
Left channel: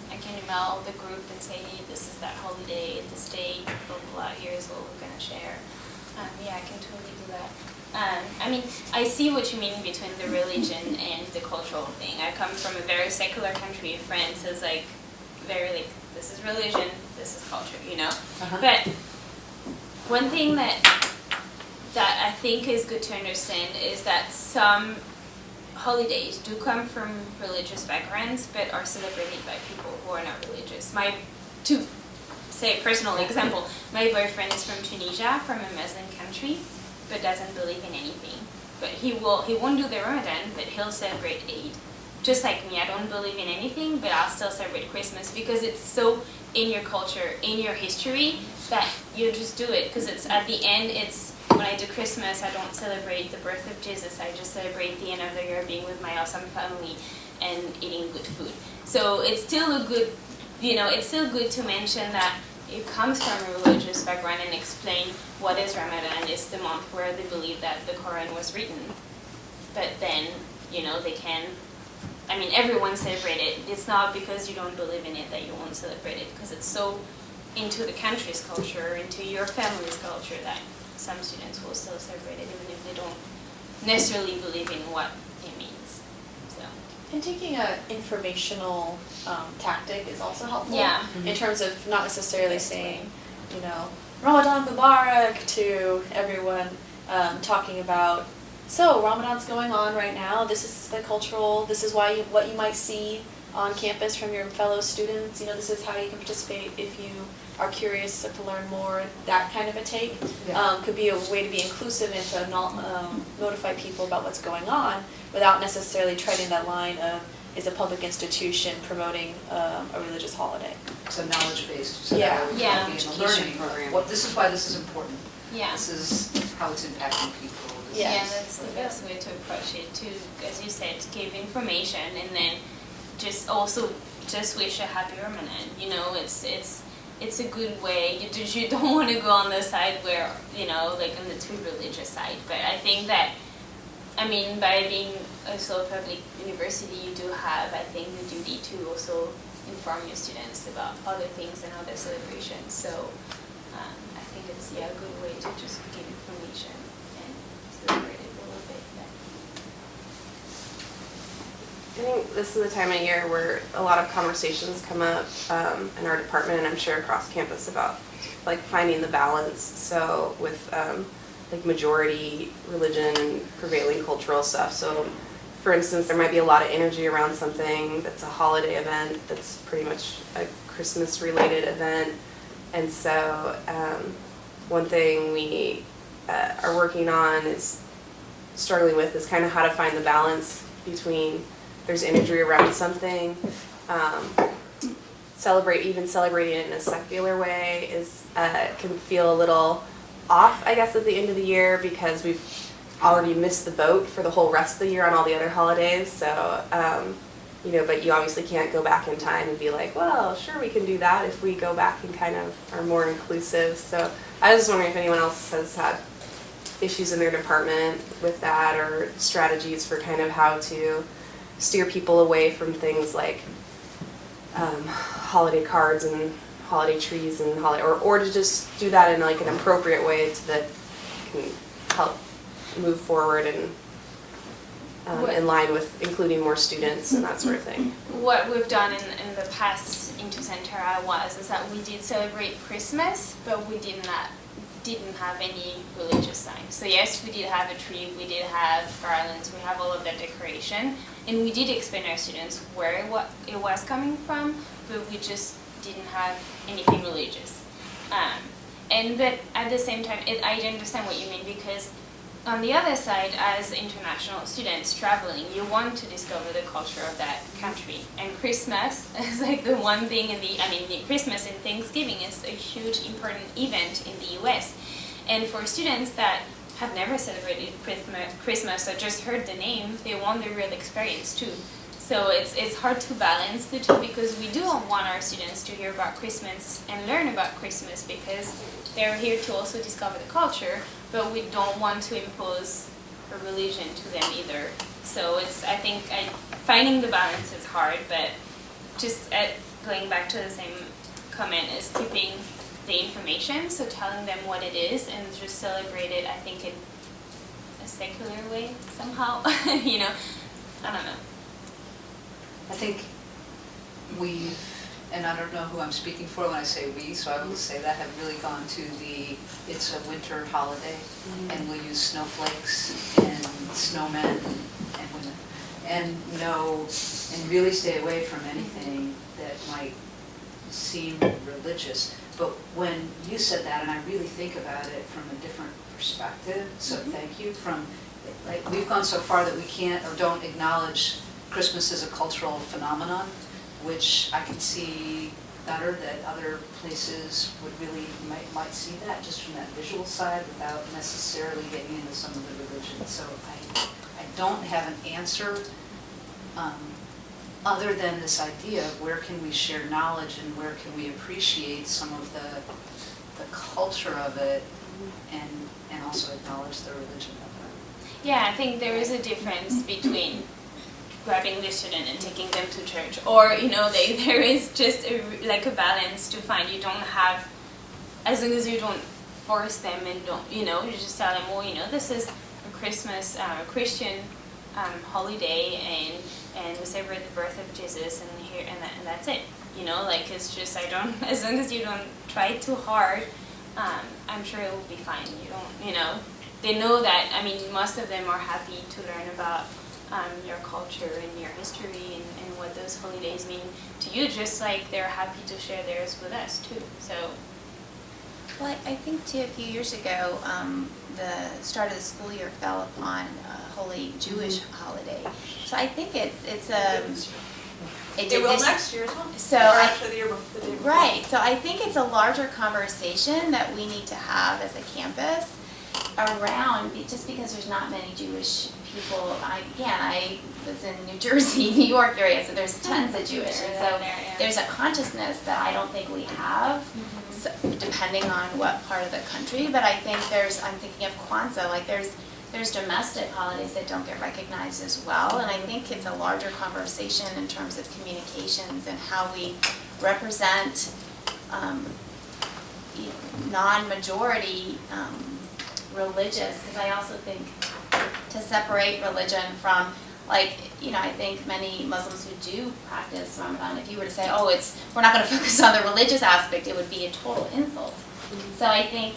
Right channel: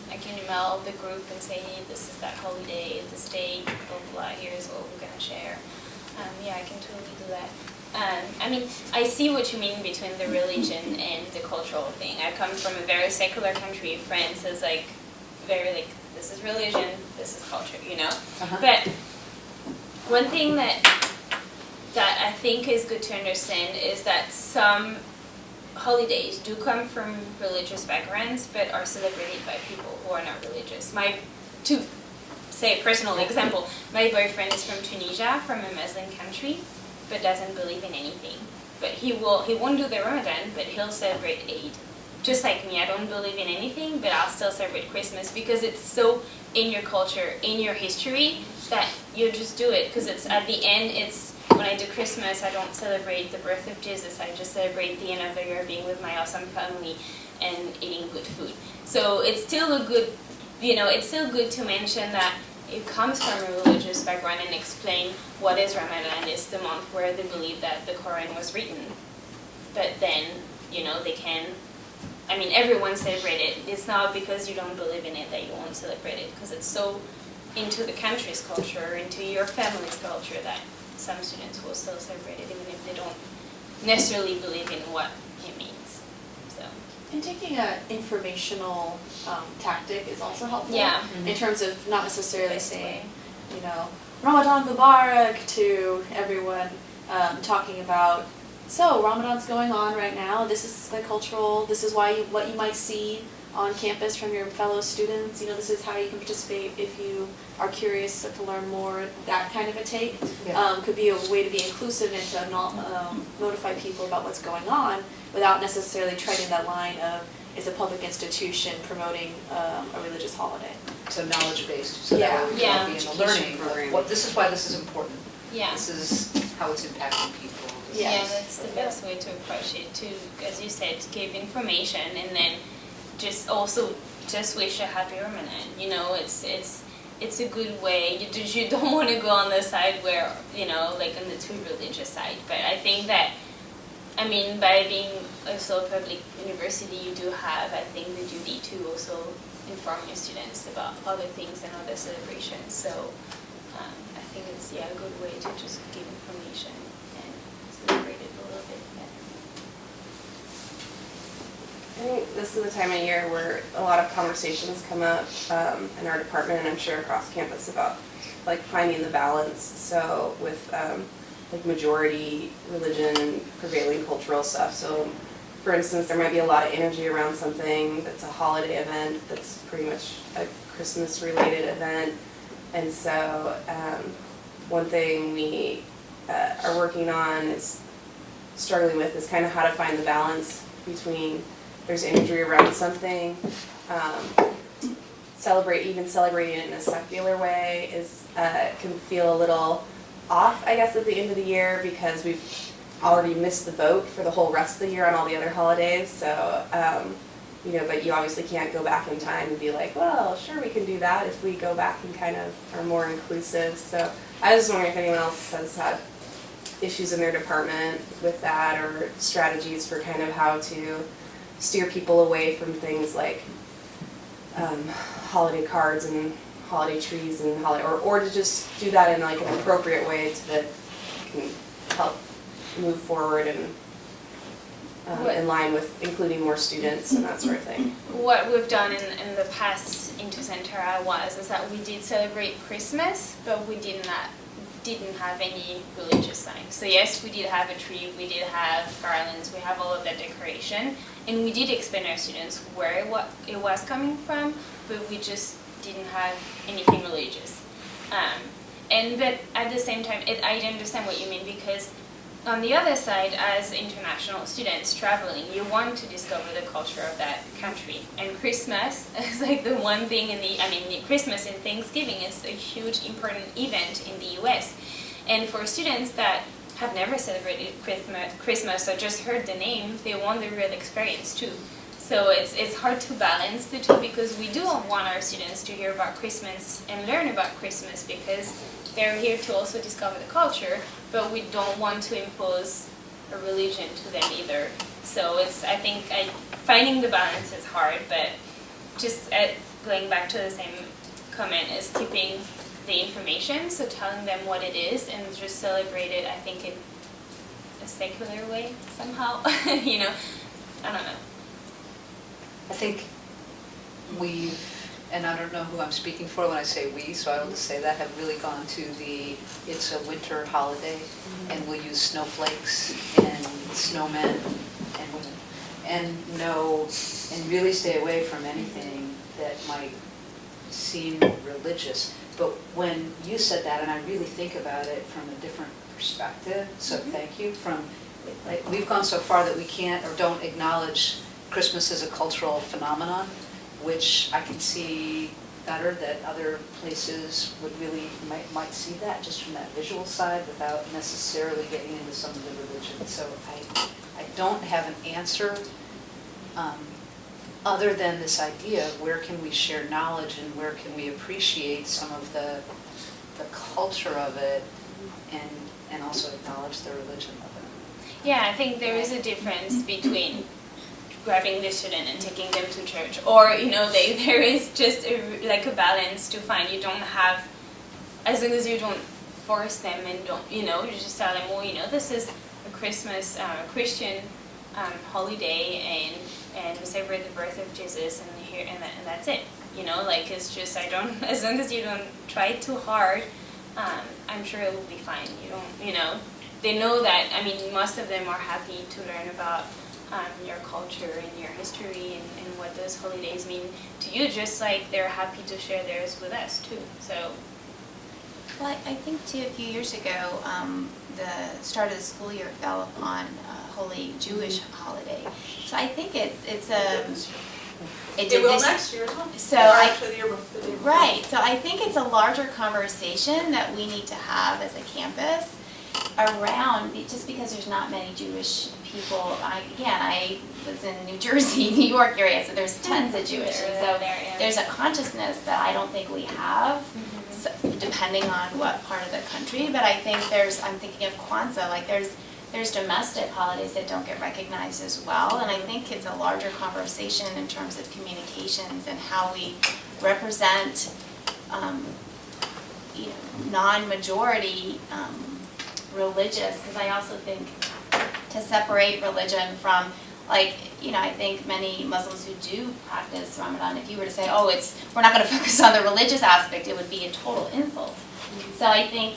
I can email the group and say, hey, this is that holiday, this date, blah, blah, blah, here's what we're gonna share. I can totally do that. I see what you mean between the religion and the cultural thing. I come from a very secular country. France is very this is religion, this is culture, you know? Uh-huh. But one thing that I think is good to understand is that some holidays do come from religious backgrounds, but are celebrated by people who are not religious. To say a personal example, my boyfriend is from Tunisia, from a Muslim country, but doesn't believe in anything. But he won't do the Ramadan, but he'll celebrate Eid. Just like me, I don't believe in anything, but I'll still celebrate Christmas because it's so in your culture, in your history, that you just do it. Because it's at the end, when I do Christmas, I don't celebrate the birth of Jesus. I just celebrate the end of the year being with my awesome family and eating good food. So it's still it's still good to mention that it comes from a religious background and explain what is Ramadan. It's the month where they believe that the Quran was written. But then, they can, everyone celebrate it. It's not because you don't believe in it that you won't celebrate it, because it's so into the country's culture, into your family's culture, that some students will still celebrate it even if they don't necessarily believe in what it means. So. And taking an informational tactic is also helpful. Yeah. In terms of not necessarily saying, Ramadan Mubarak to everyone, talking about, so Ramadan's going on right now, this is the cultural, this is what you might see on campus from your fellow students, this is how you can participate if you are curious to learn more, that kind of a take. Yeah. Could be a way to be inclusive and to notify people about what's going on without necessarily treading that line of, is a public institution promoting a religious holiday. So knowledge-based, so Yeah. that would Yeah. be in a learning program. This is why this is important. Yeah. This is how it's impacting people. This Yeah. Yeah, is- that's the best way to approach it, to, as you said, give information and then just wish a happy Ramadan. It's a good way. You don't want to go on the side where, like on the too religious side. But I think that, by being also a public university, you do have, I think, the duty to also inform your students about other things and other celebrations. So I think it's, a good way to just give information and celebrate it a little bit. I think this is the time of year where a lot of conversations come up in our department, and I'm sure across campus, about finding the balance. So with majority religion prevailing cultural stuff. So for instance, there might be a lot of energy around something that's a holiday event that's pretty much a Christmas related event. And so one thing we are working on is struggling with is kind of how to find the balance between there's imagery around something, celebrating it in a secular way can feel a little off, I guess, at the end of the year, because we've already missed the boat for the whole rest of the year on all the other holidays. So, but you obviously can't go back in time and be like, well, sure, we can do that if we go back and kind of are more inclusive. So I was just wondering if anyone else has had issues in their department with that, or strategies for kind of how to steer people away from things like holiday cards and holiday trees and or to just do that in an appropriate way that can help move forward and in line with including more students and that sort of thing. What we've done in the past into Centera is that we did celebrate Christmas, but we didn't have any religious signs. So yes, we did have a tree, we did have garlands, we have all of that decoration, and we did explain to our students where it was coming from, but we just didn't have anything religious. But at the same time, I understand what you mean, because on the other side, as international students traveling, you want to discover the culture of that country. And Christmas is the one thing Christmas and Thanksgiving is a huge important event in the US. And for students that have never celebrated Christmas or just heard the name, they want the real experience too. So it's hard to balance the two because we do want our students to hear about Christmas and learn about Christmas because they're here to also discover the culture, but we don't want to impose a religion to them either. So I think finding the balance is hard, but just going back to the same comment is keeping the information, so telling them what it is and just celebrate it, I think, in a secular way somehow. You know, I don't know. I think we've, and I don't know who I'm speaking for when I say we, so I will just say that, have really gone to it's a winter holiday, and we'll use snowflakes and snowmen and women, and really stay away from anything that might seem religious. But when you said that, and I really think about it from a different perspective, so thank you, like, we've gone so far that we can't or don't acknowledge Christmas is a cultural phenomenon, which I can see better that other places would really might see that just from that visual side without necessarily getting into some of the religion. So I don't have an answer other than this idea of where can we share knowledge and where can we appreciate some of the culture of it and also acknowledge the religion of it. Yeah, I think there is a difference between grabbing the student and taking them to church, or there is just a balance to find. You don't have, as long as you don't force them and don't you just tell them, well, this is a Christmas Christian holiday and we celebrate the birth of Jesus and that's it. It's just as long as you don't try too hard, I'm sure it will be fine. They know that. I mean, most of them are happy to learn about your culture and your history and what those holidays mean to you, just like they're happy to share theirs with us too. So, well, I think too, a few years ago, the start of the school year fell upon a holy Jewish holiday. So I think it will next year as well. So actually the year before, the day before. Right. So I think it's a larger conversation that we need to have as a campus around, just because there's not many Jewish people. I was in New Jersey, New York area, so there's tons of Jewish. And so there's a consciousness that I don't think we have, so, depending on what part of the country. But I think I'm thinking of Kwanzaa, like there's domestic holidays that don't get recognized as well. And I think it's a larger conversation in terms of communications and how we represent non-majority religious, because I also think to separate religion from, I think many Muslims who do practice Ramadan, if you were to say, we're not going to focus on the religious aspect, it would be a total insult. So I think,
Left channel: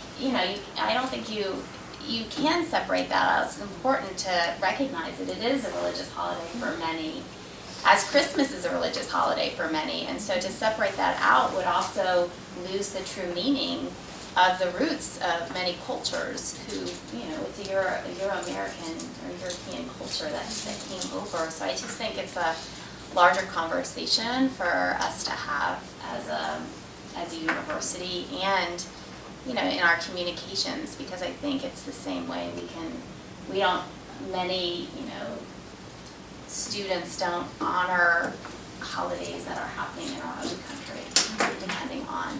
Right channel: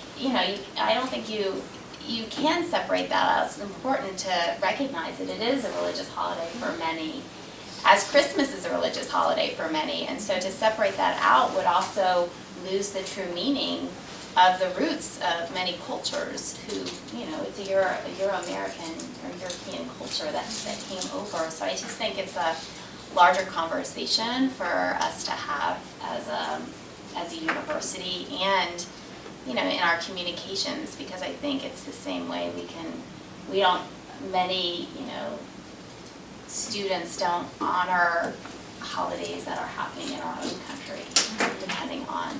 I don't think you can separate that out. It's important to recognize that it is a religious holiday for many, as Christmas is a religious holiday for many. And so to separate that out would also lose the true meaning of the roots of many cultures who, it's a Euro-American or European culture that came over. So I just think it's a larger conversation for us to have as a university and, in our communications, because I think it's the same way many students don't honor holidays that are happening in our own country, depending on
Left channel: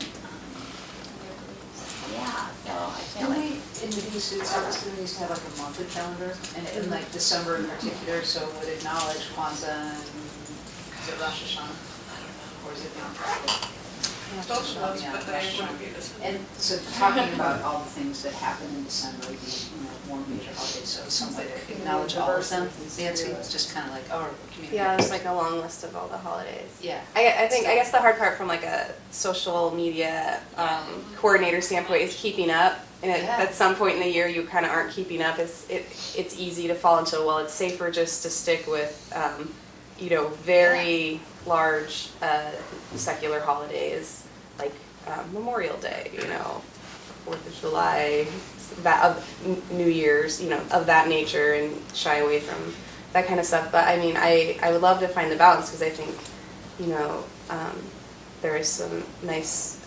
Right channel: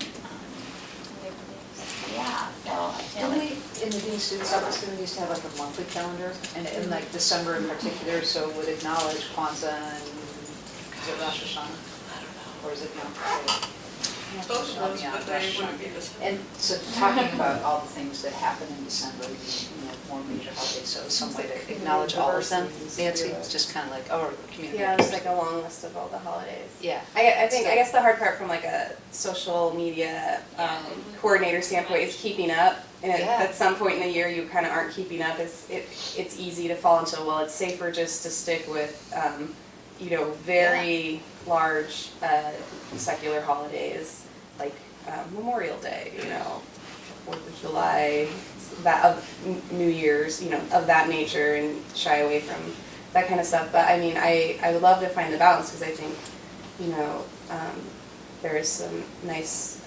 so I feel like in the Dean Students Office, we used to have a monthly calendar, and in December in particular, so would acknowledge Kwanzaa and is it Rosh Hashanah? I don't know. Or is it Both of those, but they wouldn't be the same. And so talking about all the things that happen in December, more major holidays, so some way to acknowledge all of them. Nancy, it's just kind of like, community. Yeah, there's a long list of all the holidays. Yeah. I guess the hard part from a social media coordinator standpoint is keeping up. And at some point in the year you kind of aren't keeping up. It's easy to fall into, it's safer just to stick with, very large secular holidays like Memorial Day, 4th of July, New Year's, of that nature, and shy away from that kind of stuff. But I mean, I would love to find the balance, because I think, there is some nice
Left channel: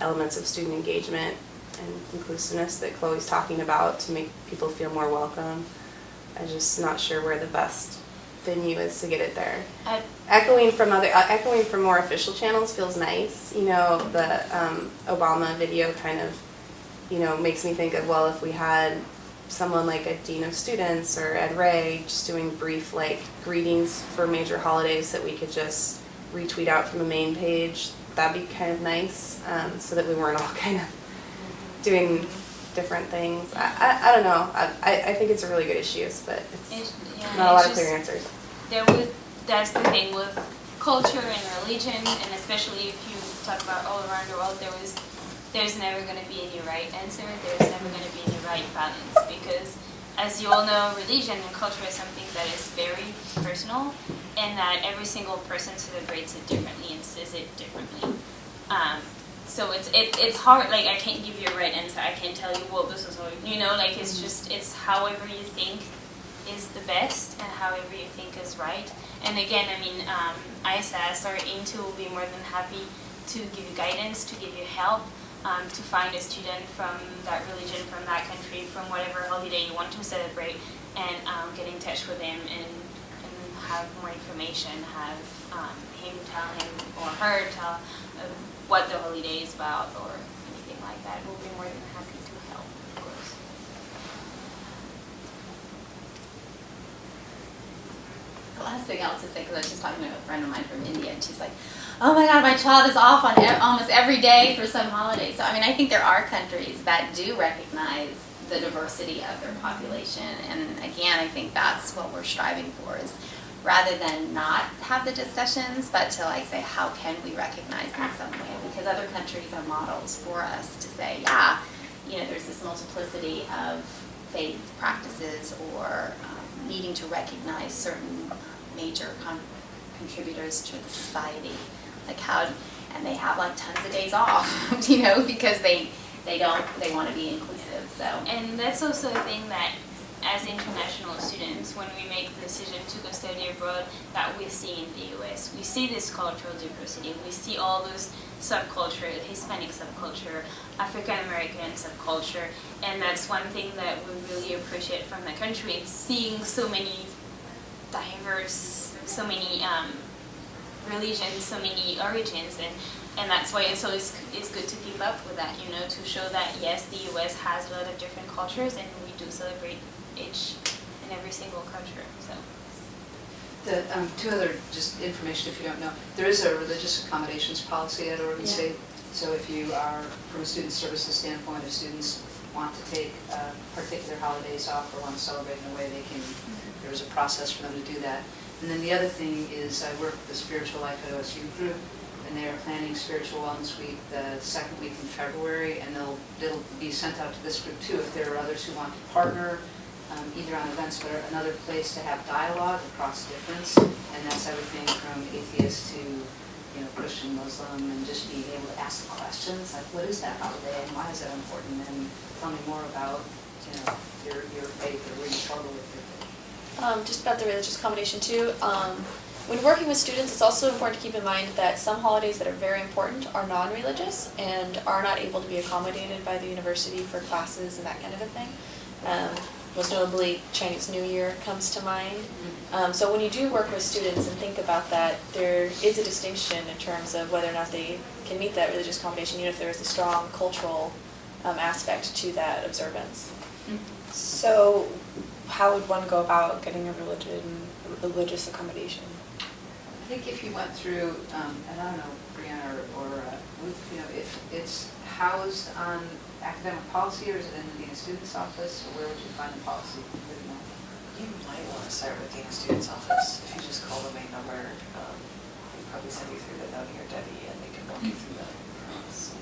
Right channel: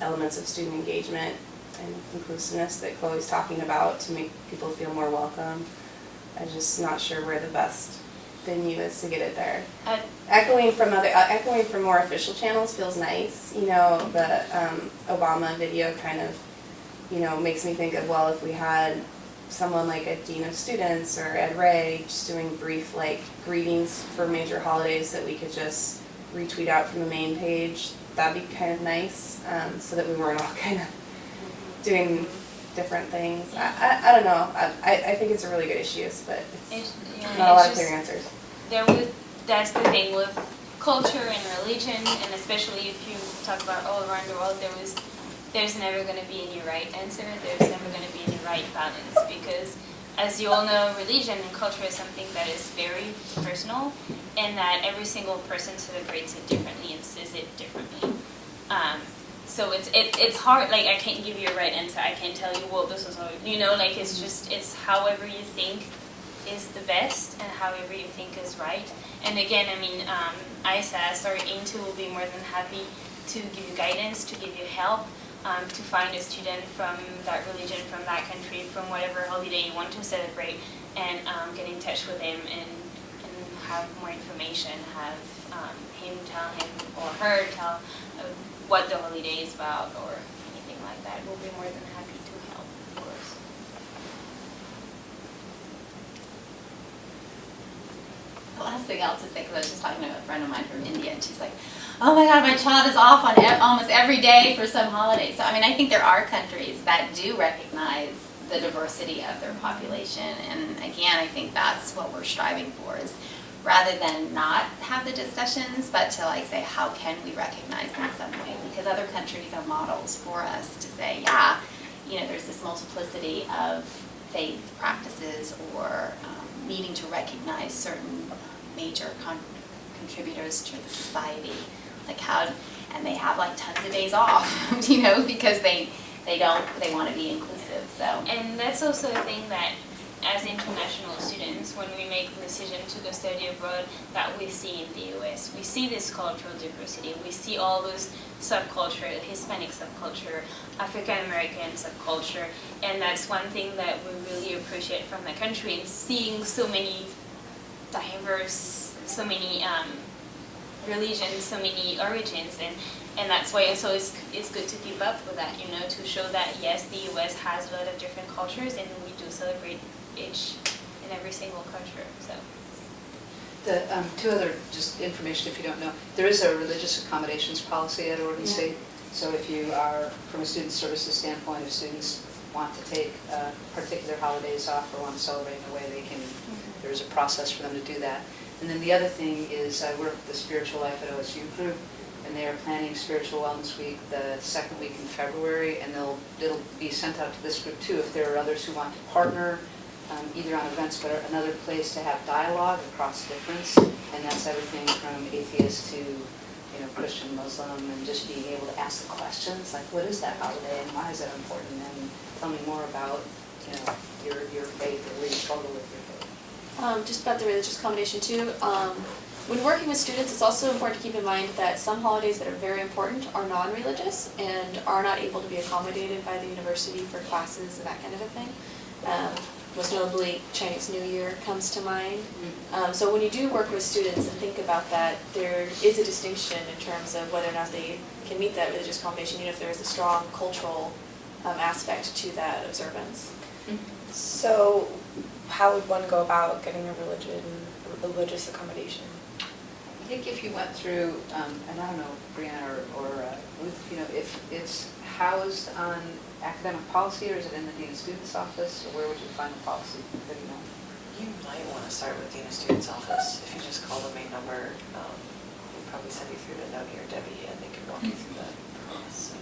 elements of student engagement and inclusiveness that Chloe's talking about to make people feel more welcome. I'm just not sure where the best venue is to get it there. Uh, Echoing from more official channels feels nice. You know, the Obama video kind of, you know, makes me think of, well, if we had someone like a dean of students or Ed Ray just doing brief like greetings for major holidays that we could just retweet out from the main page, that'd be kind of nice, so that we weren't all kind of doing different things. I don't know. I think it's a really good issue, but it's not a lot of clear answers. That's the thing with culture and religion, and especially if you talk about all around the world, there's never going to be any right answer. There's never going to be any right balance, because as you all know, religion and culture is something that is very personal, and that every single person celebrates it differently and says it differently. So it's hard. Like, I can't give you a right answer. I can't tell you, well, this is how, you know, like, it's however you think is the best and however you think is right. And again, I mean, ISS or INTO will be more than happy to give you guidance, to give you help, to find a student from that religion, from that country, from whatever holiday you want to celebrate, and get in touch with him and have more information, have him tell him or her tell what the holiday is about or anything like that. We'll be more than happy to help, of course. The last thing I'll just say, because I was just talking to a friend of mine from India, and she's like, oh my God, my child is off on almost every day for some holiday. So, I mean, I think there are countries that do recognize the diversity of their population. And again, I think that's what we're striving for, is rather than not have the discussions, but to like say, how can we recognize in some way? Because other countries are models for us to say, yeah, you know, there's this multiplicity of faith practices, or needing to recognize certain major contributors to the society, like how, and they have like tons of days off, you know, because they want to be inclusive. So, and that's also a thing that, as international students, when we make the decision to go study abroad, that we see in the US. We see this cultural diversity. We see all those subculture, Hispanic subculture, African American subculture, and that's one thing that we really appreciate from the country, and seeing so many diverse, so many religions, so many origins, and that's why it's always good to keep up with that, you know, to show that yes, the US has a lot of different cultures, and we do celebrate each and every single culture. So The two other just information, if you don't know, there is a religious accommodations policy at Oregon State. So if you are, from a student services standpoint, if students want to take particular holidays off or want to celebrate in a way, they can. There's a process for them to do that. And then the other thing is, I work with the Spiritual Life at OSU group, and they are planning Spiritual Wellness Week the second week in February, and it'll be sent out to this group too if there are others who want to partner, either on events, but another place to have dialogue across difference, and that's everything from atheist to, you know, Christian, Muslim, and just being able to ask the questions like, what is that holiday and why is it important, and tell me more about, you know, your faith or where you struggle with your faith. Just about the religious accommodation too. When working with students, it's also important to keep in mind that some holidays that are very important are non-religious and are not able to be accommodated by the university for classes and that kind of a thing. Most notably, Chinese New Year comes to mind. So when you do work with students and think about that, there is a distinction in terms of whether or not they can meet that religious accommodation, even if there is a strong cultural aspect to that observance. So how would one go about getting a religious accommodation? I think if you went through, and I don't know, Brianna or Ruth, you know, if it's housed on academic policy, or is it in the Dean of Students office, or where would you find the policy? Anybody know? You might want to start with Dean of Students office. If you just call the main number, they'll probably send you through to Doug or Debbie, and they can walk you through the process.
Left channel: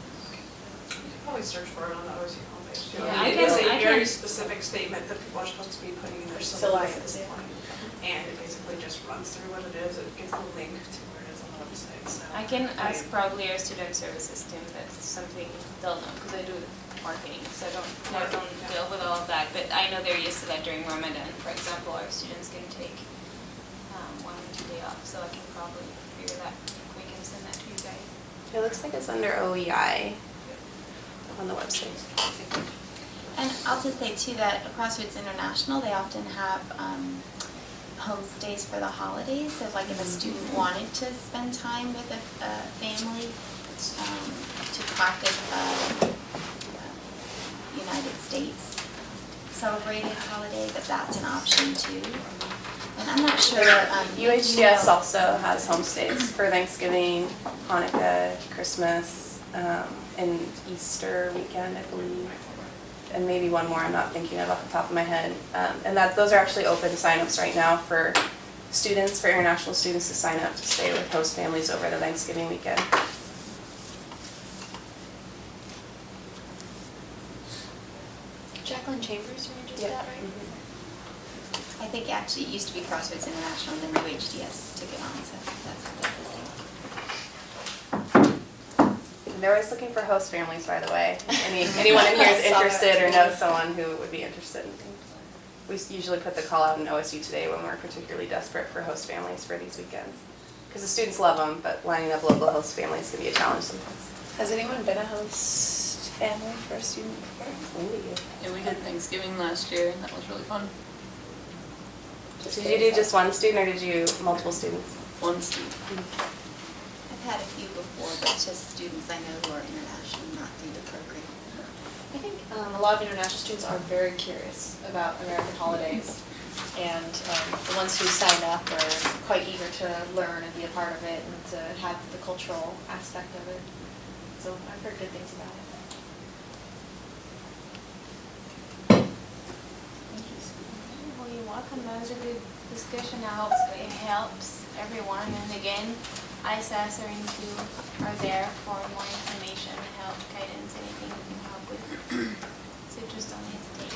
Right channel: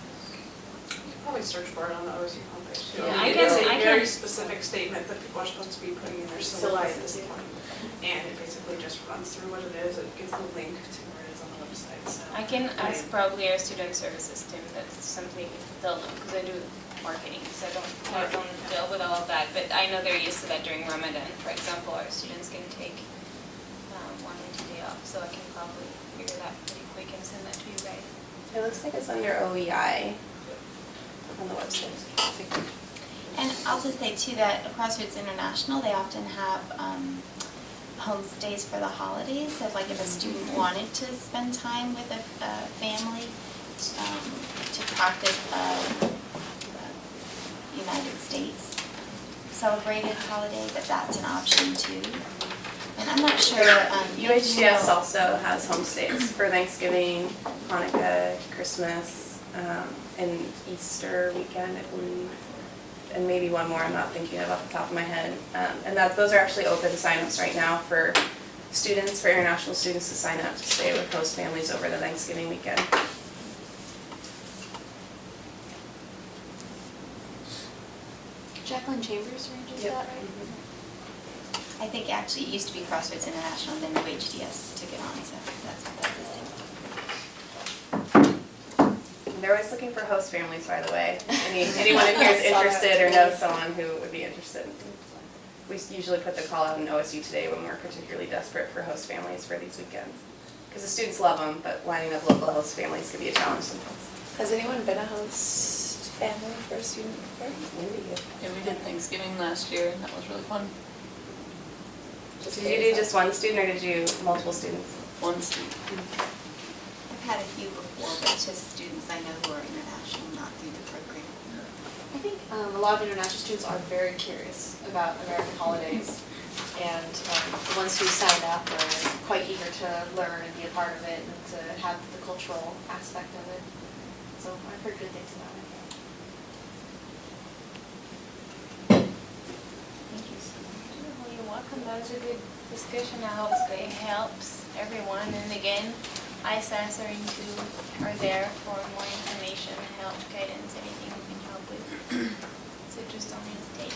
You can probably search for it on the OSU homepage too. Yeah, I I mean, it's a can- very specific statement that people are supposed to be putting in their syllabi at this point. And it basically just runs through what it is, it gives the link to where it is on the website, so. I can ask probably our student services team. That's something they'll know, because I do marketing, so I don't deal with all of that. But I know they're used to that during Ramadan. For example, our students can take 1 week day off, so I can probably figure that pretty quick and send that to you guys. It looks like it's under OEI on the website. and I'll just say too that Crossroads International, they often have homestays for the holidays. So like if a student wanted to spend time with a family to practice United States celebrated holiday, that's an option too. And I'm not sure. UHDS also has homestays for Thanksgiving, Hanukkah, Christmas, and Easter weekend, I believe. And maybe one more I'm not thinking of off the top of my head. And those are actually open signups right now for students, for international students to sign up to stay with host families over the Thanksgiving weekend. Jacqueline Chambers arranges Yep. that, right? I think actually it used to be Crossroads International, and then UHDS took it on, so that's the thing. And they're always looking for host families, by the way. Anyone in here is interested or knows someone who would be interested. We usually put the call out in OSU Today when we're particularly desperate for host families for these weekends. Because the students love them, but lining up local host families can be a challenge sometimes. Has anyone been a host family for a student before? Yeah, we did Thanksgiving last year, and that was really fun. Did you do just one student or did you multiple students? One student. I've had a few before, but just students I know who are international, not through the program. I think a lot of international students are very curious about American holidays, and the ones who sign up are quite eager to learn and be a part of it and to have the cultural aspect of it. So I've heard good things about it. Thank you so much. Well, you're welcome. That was a good discussion. I hope it helps everyone. And again, ISAS are there for more information, help, guidance, anything we can help with. So just don't hesitate.